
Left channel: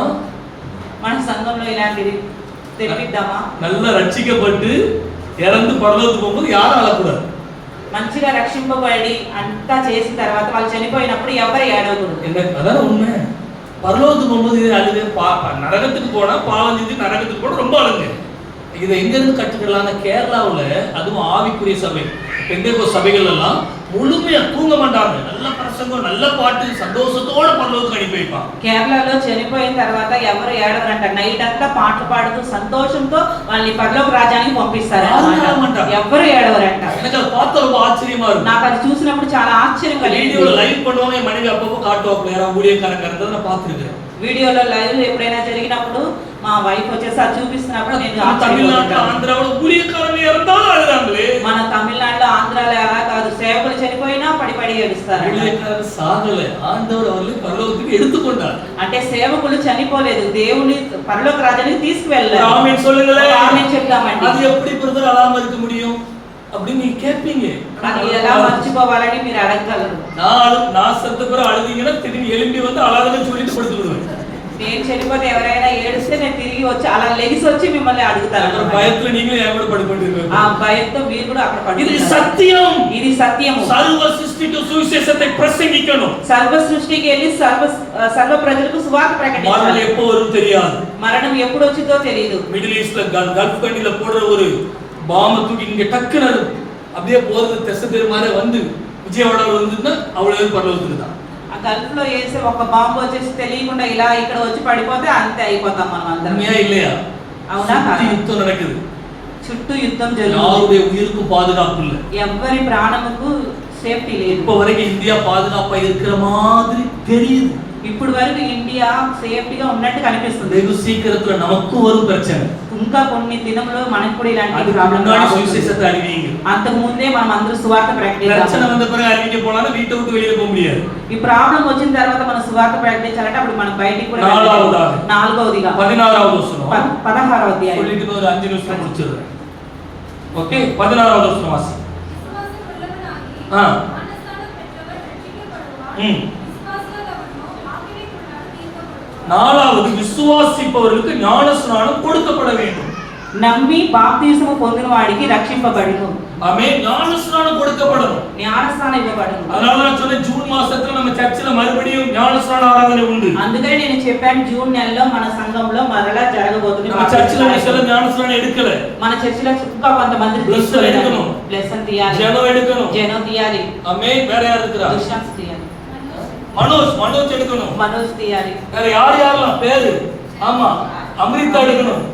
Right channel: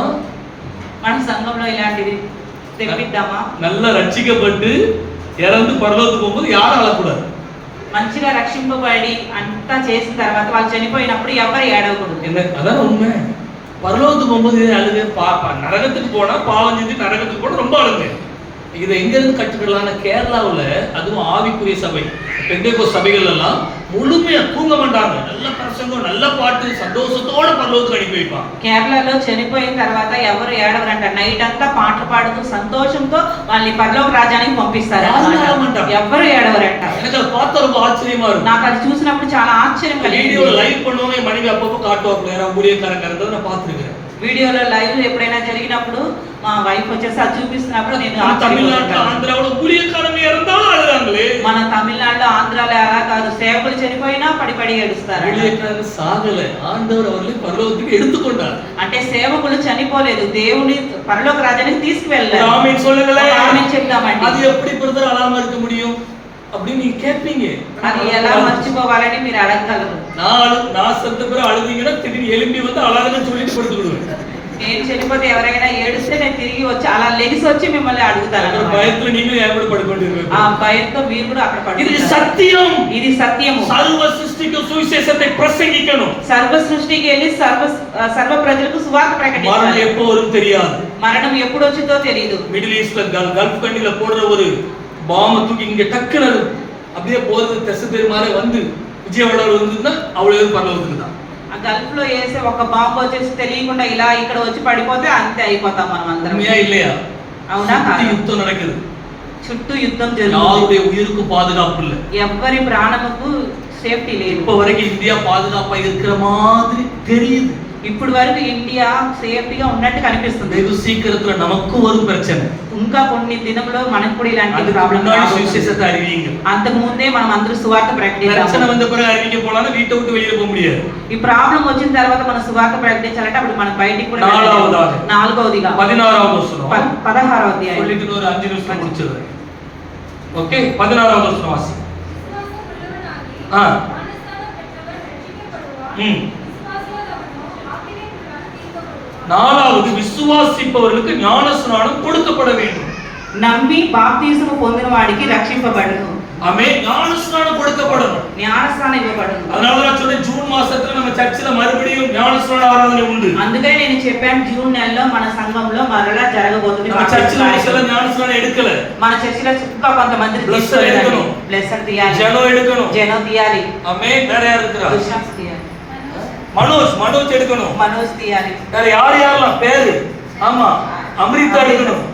మన సంఘంలో ఇలాంటిది తెప్పిద్దామా? நல்லா ரட்சிக்கப்பட்டு இறந்து பரலோகத்துக்கு போகும்போது யாரும் அழக்கூடாது. మంచిగా రక్షింపబడి అంతా చేసిన తర్వాత వాళ్ళు చనిపోయినప్పుడు ఎవరు ఏడవకూడదు. என்ன அதான உண்மை. பரலோகத்துக்கு போகும்போது அழுது நரகத்துக்கு போனா பாவம் செஞ்சு நரகத்துக்கு போனா ரொம்ப அழுங்க. இதை எங்க இருந்து கற்றுக்கலாம்னா கேரளாவுல அதுவும் ஆவிக்குரிய சபை பெந்தேகோ சபைகள் எல்லாம் முழுமையா தூங்க மாட்டாங்க. நல்ல பிரசங்கம், நல்ல பாட்டு, சந்தோஷத்தோட பரலோகத்துக்கு அனுப்பி வைப்பாங்க. కేరళలో చనిపోయిన తర్వాత ఎవరు ఏడవరంట. నైట్ అంతా పాటలు పాడుతూ సంతోషంతో వాళ్ళని పరలోక రాజ్యానికి పంపిస్తారు. ఎవరు ఏడవరంట. எனக்கு அதை பார்த்த ரொம்ப ஆச்சரியமா இருக்கும். నాకు అది చూసినప్పుడు చాలా ఆశ్చర్యం కలిగింది. வீடியோல லைவ் பண்ணுவாங்க, என் மனைவி அப்பப்போ காட்டுவாங்க. யாராவது ஊழியக்காரங்க இருந்தாலும் நான் பார்த்திருக்கேன். వీడియోలో లైవ్ ఎప్పుడైనా జరిగినప్పుడు మా వైఫ్ వచ్చేసి అది చూపిస్తున్నప్పుడు నేను తమిళనాడు ఆంధ్రాలో ஊழியக்காரங்க இருந்தாலும் அழுறாங்களே. మన తమిళనాడులో ఆంధ్రాలో అలా కాదు, సేవకులు చనిపోయినా పడి ఏడుస్తారు. ஊழியக்காரங்க சாகல, ஆண்டவர் அவர்களை பரலோகத்துக்கு எடுத்துக்கொண்டார். అంటే సేవకులు చనిపోలేదు, దేవుని పరలోక రాజ్యానికి తీసుకువెళ్ళారు. ஆமென் சொல்லுங்களே. ఆమేన్ చెప్తామండి. அது எப்படி பிரதர் அலாம இருக்க முடியும் அப்படி நீங்க கேட்பீங்க. అది ఎలా మర్చిపోవాలని మీరు అడగగలరు. நான் செத்த பிறகு அழுதீங்கன்னா திடீர்னு எழும்பி வந்து அழாதன்னு சொல்லிட்டு படுத்துக்கிடுவேன். నేను చనిపోతే ఎవరైనా ఏడిస్తే నేను తిరిగి వచ్చి అలా లెగిసి వచ్చి మిమ్మల్ని అడుగుతాను. భయంతో நீங்களும் என் கூட படுத்துக்கிடுவீங்க. ఆ భయంతో మీరు కూడా అక్కడ పడుకుంటారు. ఇది సత్యం. ఇది సత్యము. సర్వ సృష్టికి సువిశేషத்தை ప్రసంగిக்கணும். సర్వ సృష్టికి వెళ్ళి సర్వ ప్రజలకు సువార్త ప్రకటించాలి. మరణం எப்போ வரும் தெரியாது. మరణం ఎప్పుడు వచ్చిందో తెలియదు. మిడిల్ ఈస్ట్ లో గల్ఫ్ కంట్రీல போடுற ஒரு பாம் தூக்கி இங்க டக்குனு அப்படியே போறது தெச பேர் மாதிரி வந்து విజయవాడలో ఉంటుందా అవಳು పరలోకத்துக்கு தான். ఆ గల్ఫ్ లో వేసే ఒక బాంబు వచ్చేసి తెలియకుండా ఇలా ఇక్కడ వచ్చి పడిపోతే అంతే అయిపోతాం మనం అందరం. உண்மையா இல்லையா? అవునా? யுத்தம் நடக்குது. చుట్టూ యుద్ధం జరుగుతుంది. யாருடைய உயிருக்கு பாதுகாப்பு இல்லை. ఎవ్వరి ప్రాణముకు సేఫ్టీ లేదు. இப்ப வரைக்கும் இந்தியா பாதுகாப்பா இருக்கிற மாதிரி தெரியுது. ఇప్పుడు వరకు ఇండియా సేఫ్టీగా ఉన్నట్టు కనిపిస్తుంది. வெகு சீக்கிரத்துல நமக்கும் வரும் பிரச்சனை. ఇంకా కొన్ని దినంలో మనకు కూడా ఇలాంటి அதுக்கு ప్రాబ్లమ్ முன்னாடி சுவிசேஷத்தை அறிவிங்க. అంతకు ముందే మనం అందరూ సువార్త பிரச்சனை ప్రకటించాలి. வந்த பிறகு அறிவிக்க పోனா வீட்டை விட்டு வெளியே போக முடியாது. ఈ ప్రాబ్లం వచ్చిన తర్వాత మనం సువార్త ప్రకటించాలంటే అప్పుడు మనం బయటికి కూడా నాలుగవది. నాలుగవదిగా 16வது వచనం 16వ అధ్యాయం சொல்லிட்டு ஒரு 5 நிமிஷம் முடிச்சிடுறேன். ஓகே 16வது வசனம் வாசி. ஆ நாலாவது விசுவாசிப்பவர்களுக்கு ஞானஸ்நானம் கொடுக்கப்பட வேண்டும். నమ్మి బాప్తిసము పొందిన వాడికి రక్షింపబడును. ஆமென். ஞானஸ்நானம் கொடுக்கப்படணும். జ్ఞానస్నానం ఇవ్వబడును. அதனால நான் சொன்னேன் ஜூன் மாசத்துல நம்ம சர்ச்சில மறுபடியும் ஞானஸ்நான ஆராதனை உண்டு. అందుకనే నేను చెప్పాను జూన్ నెలలో మన సంఘంలో మరలా జరగబోతుంది. நம்ம சர்ச்சில ஒரு சில ஞானஸ்நானம் எடுக்கல. మన చర్చిలో ఇంకా కొంతమంది Blessed எடுக்கணும். బ్లెస్సర్ తీయాలి. ஜெனம் எடுக்கணும். జనం తీయాలి. ஆமென். வேற யார் இருக்கறா? దుష్యంస్ తీయాలి. மனோஜ் எடுக்கணும். మనోజ్ తీయాలి. வேற யாரெல்லாம் பேரு? ஆமா அமிர்தா எடுக்கணும்.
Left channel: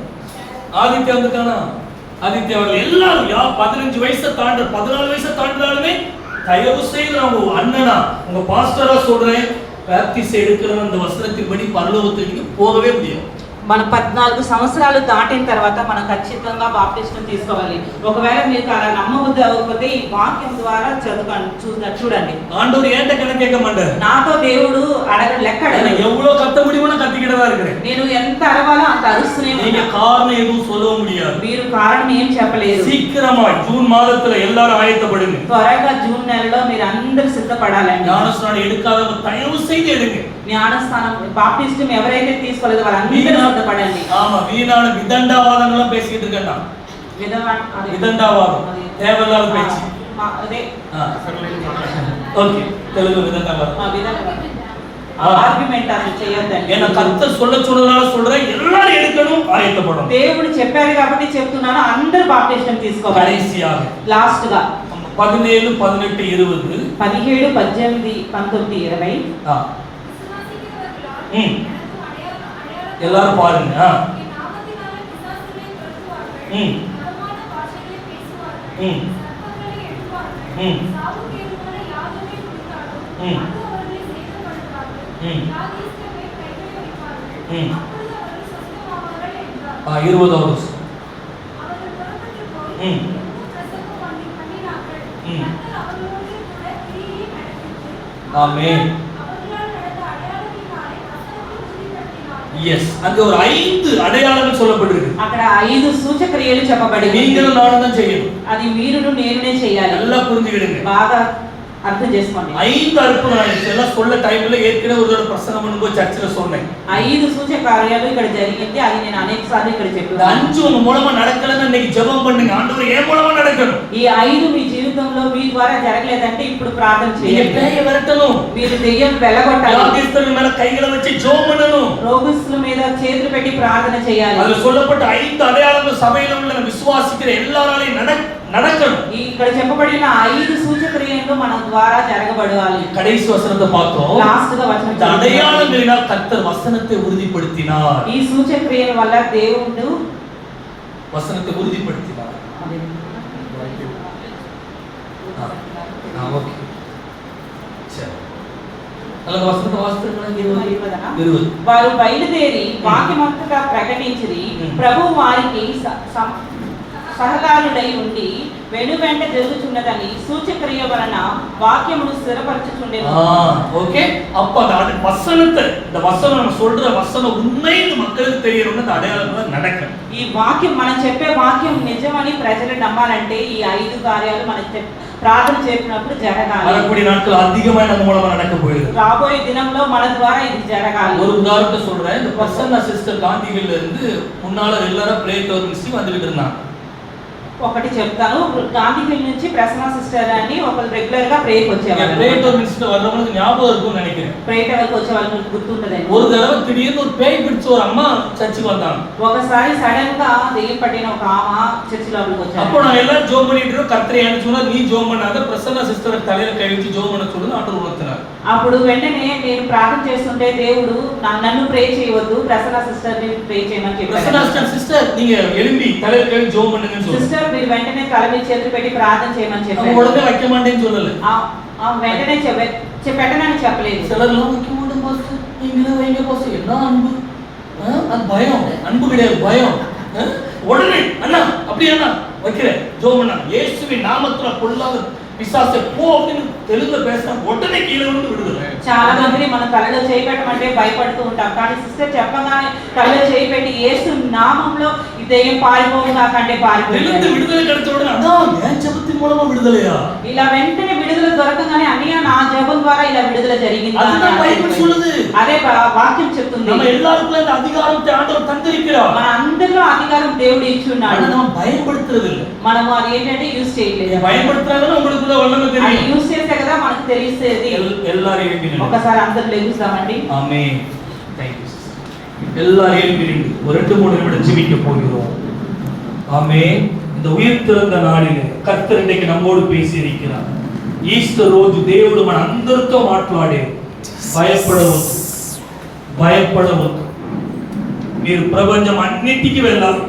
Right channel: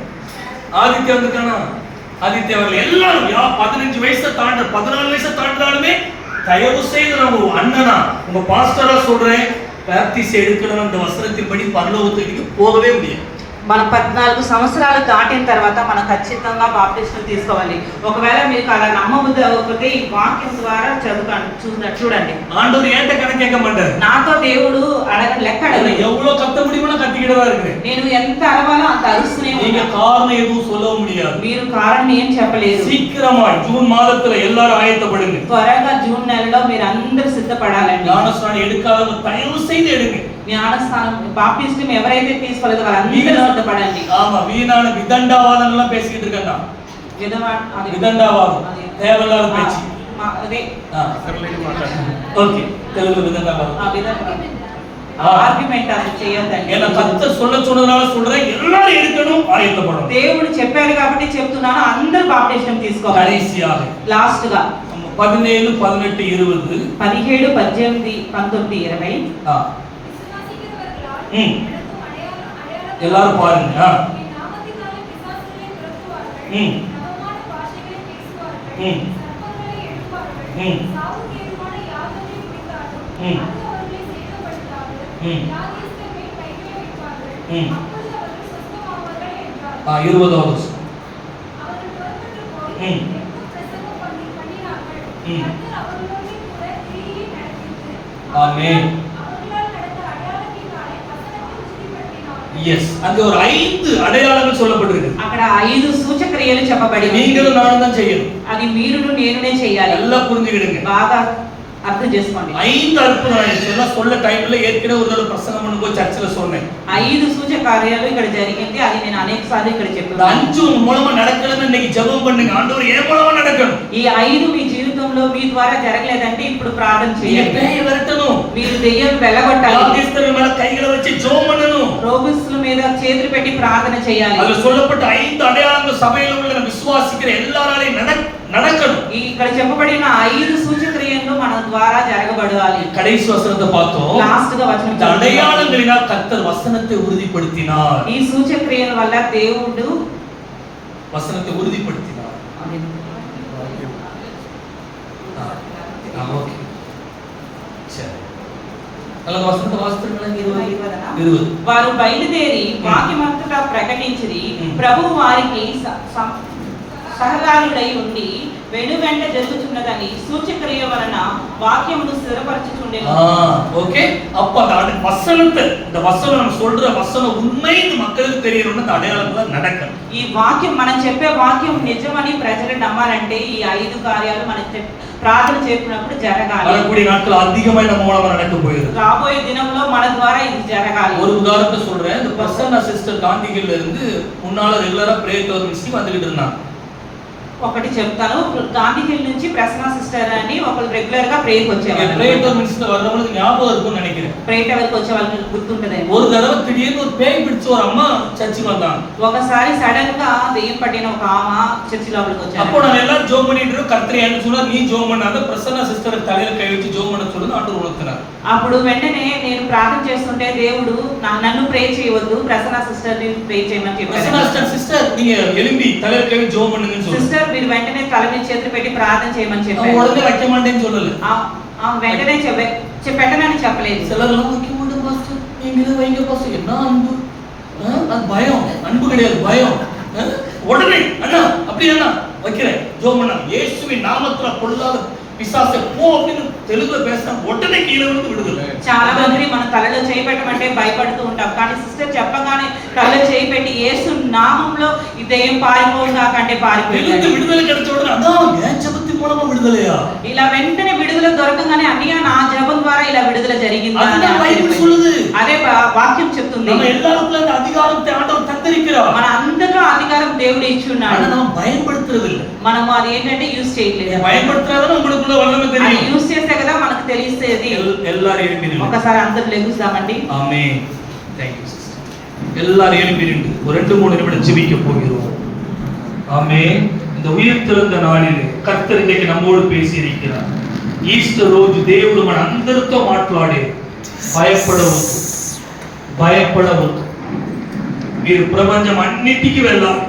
ஆதித்யா வந்துட்டானா? ஆதித்யா அவர்கள் எல்லாரும் 15 வயசை தாண்ட 14 வயசை தாண்டினாலுமே தயவு செய்து நம்ம அண்ணனா உங்க பாஸ்டரா சொல்றேன் பேப்டிஸ் எடுக்கணும். அந்த வசனத்தின்படி பரலோகத்துக்கு போகவே முடியாது. మన 14 సంవత్సరాలు దాటిన తర్వాత మనం ఖచ్చితంగా బాప్టిజం తీసుకోవాలి. ఒకవేళ మీకు అలా నమ్మబుద్ధి అవ్వకపోతే ఈ వాక్యం ద్వారా చూడండి. ஆண்டவர் ஏன்ட்ட கணக்கு கேட்க மாட்டார். నాతో దేవుడు లెక్క అడగడు. எவ்வளவு கத்த முடியுமோ நான் கத்திக்கிட்டு தான் இருக்கிறேன். నేను ఎంత అరవాలో అంత అరుస్తూనే நீங்க ఉంటాను. காரணம் எதுவும் சொல்ல முடியாது. మీరు కారణం ఏం చెప్పలేరు. சீக்கிரமாய் ஜூன் மாதத்துல எல்லாரும் ஆயத்தப்படுங்க. త్వరగా జూన్ నెలలో మీరు అందరూ సిద్ధపడాలండి. ஞானஸ்நானம் எடுக்காதவங்க தயவு செய்து எடுங்க. జ్ఞానస్నానం బాప్టిజం ఎవరైతే తీసుకోలేదో వాళ్ళందరూ సిద్ధపడండి. ஆமா வீணான விதண்டாவாதங்கள்லாம் பேசிக்கிட்டு இருக்கேன்டா. விதண்டாவாதம் தேவையில்லாத பேச்சு. అదే ஓகே తెలుగు విదండావాదం. ఆర్గ్యుమెంట్ అది చేయొద్దండి. ஏன்னா கர்த்தர் சொன்னதால சொல்றேன் எல்லாரும் எடுக்கணும் ஆயத்தப்படணும். దేవుడు చెప్పాడు కాబట్టి చెప్తున్నాను అందరూ బాప్టిజం తీసుకోవాలి. கடைசியாக లాస్ట్ గా 17 18 20 17 18 19 20 எல்லாரும் பாருங்க. ஆமென். எஸ் அங்க ஒரு 5 அடையாளங்கள் சொல்லப்பட்டிருக்கு. అక్కడ 5 సూచక్రియలు చెప్పబడి நீங்களும் நானும் தான் செய்யணும். అది మీరును నేనునే చేయాలి. நல்லா புரிஞ்சுக்கிடுங்க. బాగా అర్థం చేసుకోండి. 5 అద్భుతాలు இதெல்லாம் சொல்ல டைம்ல ஏற்கனவே ஒரு தடவை பிரசங்கம் பண்ணும்போது சர்ச்சில சொன்னேன். 5 సూచకార్యాలు ఇక్కడ జరిగింది. అది నేను అనేక సార్లు ఇక్కడ చెప్పాను. 5 உங்க மூலமா நடக்கலன்னு இன்னைக்கு ஜெபம் பண்ணுங்க. ஆண்டவரே என் மூலமா நடக்கணும். ఈ 5 మీ జీవితంలో మీ ద్వారా జరగలేదంటే ఇప్పుడు ప్రార్థన చేయండి. பேய விரட்டணும். మీరు దెయ్యం వెలగొట్టాలి. వ్యాధిస్తుల மேல கைகளை வச்சு ஜெபம் பண்ணணும். రోగుల మీద చేతులు పెట్టి ప్రార్థన చేయాలి. அதுல சொல்லப்பட்ட 5 அடையாளங்கள் சபையில உள்ள விசுவாசிக்கிற எல்லாராலையும் நடக்கணும். ఇక్కడ చెప్పబడిన 5 సూచక్రియలు మన ద్వారా జరగబడాలి. கடைசி வசனத்தை பார்த்தோம். లాస్ట్ గా వచనం இந்த அடையாளங்களினால் கர்த்தர் வசனத்தை உறுதிப்படுத்தினார். ఈ సూచక్రియల వల్ల దేవుడు வசனத்தை உறுதிப்படுத்தினார். ஓகே சரி అలా వసంత వాస్తవం వారు బయలుదేరి వాక్యమంతటా ప్రకటించిరి. ప్రభు వారికి సహకారుడై ఉండి వెనువెంట జరుగుతున్నదని సూచక్రియ వలన వాక్యమును స్థిరపరచుచుండెను. ஓகே அப்ப அந்த வசனத்தை இந்த வசனம் நம்ம சொல்ற வசனம் உண்மைன்னு மக்களுக்கு தெரியணும்னா அந்த அடையாளம் நடக்கும். ఈ వాక్యం మనం చెప్పే వాక్యం నిజమని ప్రజలు నమ్మాలంటే ఈ 5 కార్యాలు మనం ప్రార్థన చేసినప్పుడు జరగాలి. வரக்கூடிய நாட்கள் அதிகமா நம்ம மூலமா நடக்க போகுது. రాబోయే దినంలో మన ద్వారా ఇది జరగాలి. ஒரு உதாரணத்தை சொல்றேன். இந்த பர்சன் அசிஸ்டன்ட் காந்திகில இருந்து முன்னால ரெகுலரா பிரேயர் கிளப் மிஸ்ஸி வந்துட்டு இருந்தாங்க. ఒకటి చెప్తాను. గాంధీ హిల్ నుంచి ప్రసన్న సిస్టర్ అని ఒకరు రెగ్యులర్ గా ప్రేయర్కి వచ్చేవాళ్ళు. பிரேயர் மினிஸ்டர் வர்றவங்களுக்கு ஞாபகம் இருக்கும்னு நினைக்கிறேன். ప్రేయర్ ఎవరికి వచ్చే వాళ్ళకి గుర్తుంటదండి. ஒரு தடவை திடீர்னு ஒரு பேய் பிடிச்ச ஒரு அம்மா சர்ச்சுக்கு வந்தாங்க. ఒకసారి సడన్ గా దెయ్యం పట్టిన ఒక ఆమె చర్చి లోపలికి వచ్చారు. அப்போ நாங்க எல்லாரும் ஜெபம் பண்ணிட்டு இருக்கோம். கர்த்தரே என்ன சொன்னா, நீ ஜெபம் பண்ணாத, பிரசன்னா சிஸ்டர் தலையில கை வச்சு ஜெபம் பண்ண சொல்லுங்க ஆண்டவர் உணர்த்தினார். అప్పుడు వెంటనే నేను ప్రార్థన చేస్తుంటే దేవుడు నన్ను ప్రే చేయవద్దు, ప్రసన్న సిస్టర్ ని ప్రే చేయమని చెప్పారు. பிரசன்னா சிஸ்டர் நீங்க எழும்பி தலையில கை வச்சு ஜெபம் பண்ணுங்கன்னு சொல்லுங்க. సిస్టర్ మీరు వెంటనే తల మీద చేతులు పెట్టి ప్రార్థన చేయమని చెప్పారు. அவங்க உடனே வைக்க மாட்டேன்னு சொல்லல. వెంటనే పెట్టనని చెప్పలేదు. சிலர்லாம் வைக்க மாட்டேன் பாஸ்டர், நீங்களே வைங்க பாஸ்டர். என்ன அன்பு, அது பயம். அன்பு கிடையாது, பயம். உடனே அண்ணா அப்படியே அண்ணா வைக்கிறேன் ஜெபம் பண்ணா, இயேசுவின் நாமத்துல பொல்லாத பிசாசே போ அப்படின்னு தெலுங்குல பேசினா உடனே கீழே விழுந்து விடுதலை. చాలా మంది మన తలలో చేయి పెట్టమంటే భయపడుతూ ఉంటాం. కానీ సిస్టర్ చెప్పగానే తలలో చేయి పెట్టి యేసు నామంలో ఈ దెయ్యం పారిపోవుగా కంటే పారిపోయింది. విడుదల கிடைச்ச உடனே அதான் ஏன் ஜெபத்தின் மூலமா விடுதலையா? ఇలా వెంటనే విడుదల దొరకగానే అన్నయ్య నా జపం ద్వారా ఇలా విడుదల జరిగింది அதுதான் பைபிள் சொல்லுது. అదే వాక్యం చెప్తుంది. நம்ம எல்லாருக்குள்ள இந்த அதிகாரத்தை ஆண்டவர் தந்திருக்கிறார். మన అందరిలో అధికారం దేవుడు ఇచ్చి ఉన్నాడు. நம்ம பயன்படுத்துறது இல்ல. మనము అది ఏంటంటే యూస్ చేయట్లేదు. பயன்படுத்துறதால உங்களுக்கு వల్లమే అది தெரியும். యూస్ చేస్తే కదా మనకు తెలిసేది. எல்லாரும் எழுப்பி நில்லுங்க. ఒకసారి అందరూ లెగుస్తామండి. ஆமென். Thank you sister. எல்லாரும் எழுப்பி நின்று ஒரு 2-3 நிமிடம் ஜெபிக்க போகிறோம். ஆமென். இந்த உயிர்த்தெழுந்த நாளிலே கர்த்தர் இன்னைக்கு நம்மோடு பேசி இருக்கிறார். ఈస్టర్ రోజు దేవుడు మన అందరితో మాట్లాడే భయపడవద్దు. మీరు ప్రపంచం అన్నిటికీ వెళ్ళాలి,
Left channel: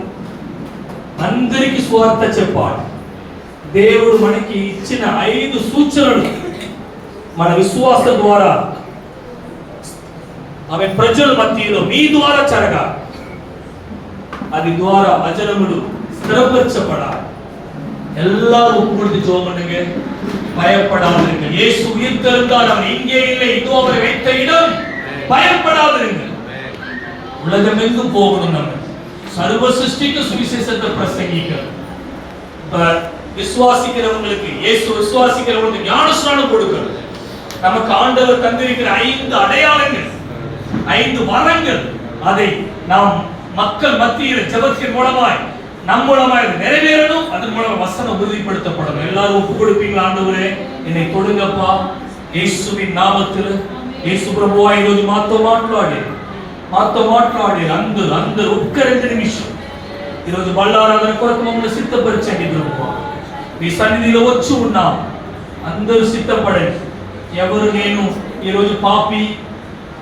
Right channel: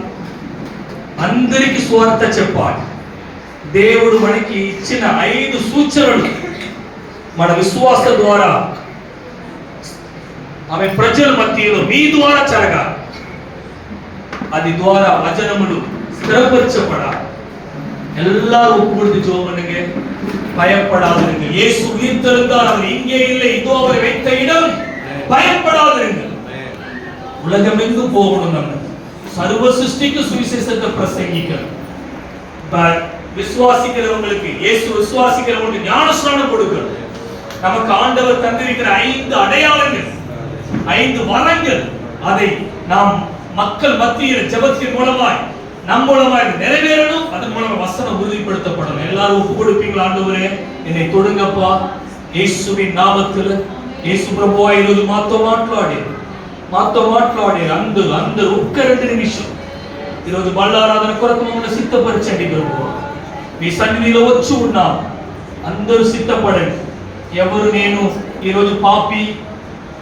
అందరికి సువార్త చెప్పాలి. దేవుడు మనకి ఇచ్చిన 5 సూచనలు మన విశ్వాస ద్వారా ఆమె ప్రజల మధ్యలో మీ ద్వారా జరగాలి. అది ద్వారా వచనములు స్థిరపరచబడాలి. எல்லாரும் ஒப்புக்கொடுத்து ஜெபம் பண்ணுங்க. பயப்படாதீங்க. இயேசு உயிர்த்தெழுந்தார், அவர் இங்கே இல்லை, இதோ அவரை வைத்த இடம். பயப்படாதீங்க. உலகமெங்கும் போகணும். நம்ம சர்வ சிருஷ்டிக்கு சுவிசேஷத்தை பிரசங்கிக்கணும். விசுவாசிக்கிறவங்களுக்கு, இயேசு விசுவாசிக்கிறவங்களுக்கு ஞானஸ்நானம் கொடுக்கணும். நமக்கு ஆண்டவர் தந்திருக்கிற 5 அடையாளங்கள், 5 வரங்கள், அதை நாம் மக்கள் மத்தியில் ஜெபத்தின் மூலமாய் நம் மூலமாய் நிறைவேறணும். அதன் மூலமா வசனம் உறுதிப்படுத்தப்படணும். எல்லாரும் ஒப்பு கொடுப்பீங்களா? ஆண்டவரே என்னை தொடுங்கப்பா, இயேசுவின் நாமத்தில். యేసు ప్రభువా ఈరోజు మాతో మాట్లాడి అందరూ ఒక్క 2 నిమిషం ఈరోజు బళ్ళారాధన కొరకు మమ్మల్ని సిద్ధపరచండి ప్రభువా. మీ సన్నిధిలో వచ్చి ఉన్నాం, అందరూ సిద్ధపడండి. ఎవరు నేను ఈరోజు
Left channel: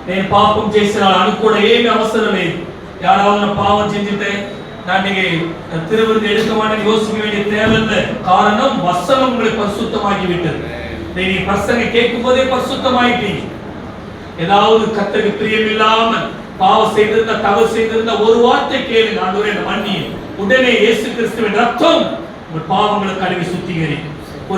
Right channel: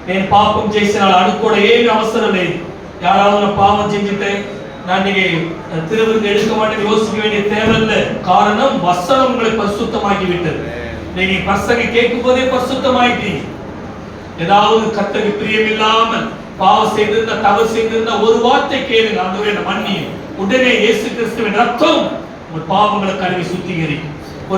నేను పాపం చేసిన అనుకోవడం ఏమీ అవసరం లేదు. யாராவது பாவம் செஞ்சுட்டு நான் நீங்க திருவிருந்து எடுக்க மாட்டேன்னு யோசிக்க வேண்டிய தேவையில்லை. காரணம் வசனம் உங்களை பரிசுத்தமாக்கி விட்டது. நீங்க பசங்க கேட்கும் போதே பரிசுத்தமாயிட்டீங்க. ஏதாவது கர்த்தருக்கு பிரியம் இல்லாமல் பாவம் செய்திருந்தா, தவறு செய்திருந்தா ஒரு வார்த்தை கேளுங்க, ஆண்டவரே என்னை மன்னியும். உடனே இயேசு கிறிஸ்துவின் ரத்தம் உங்கள் பாவங்களை கழுவி சுத்திகரிக்கும்.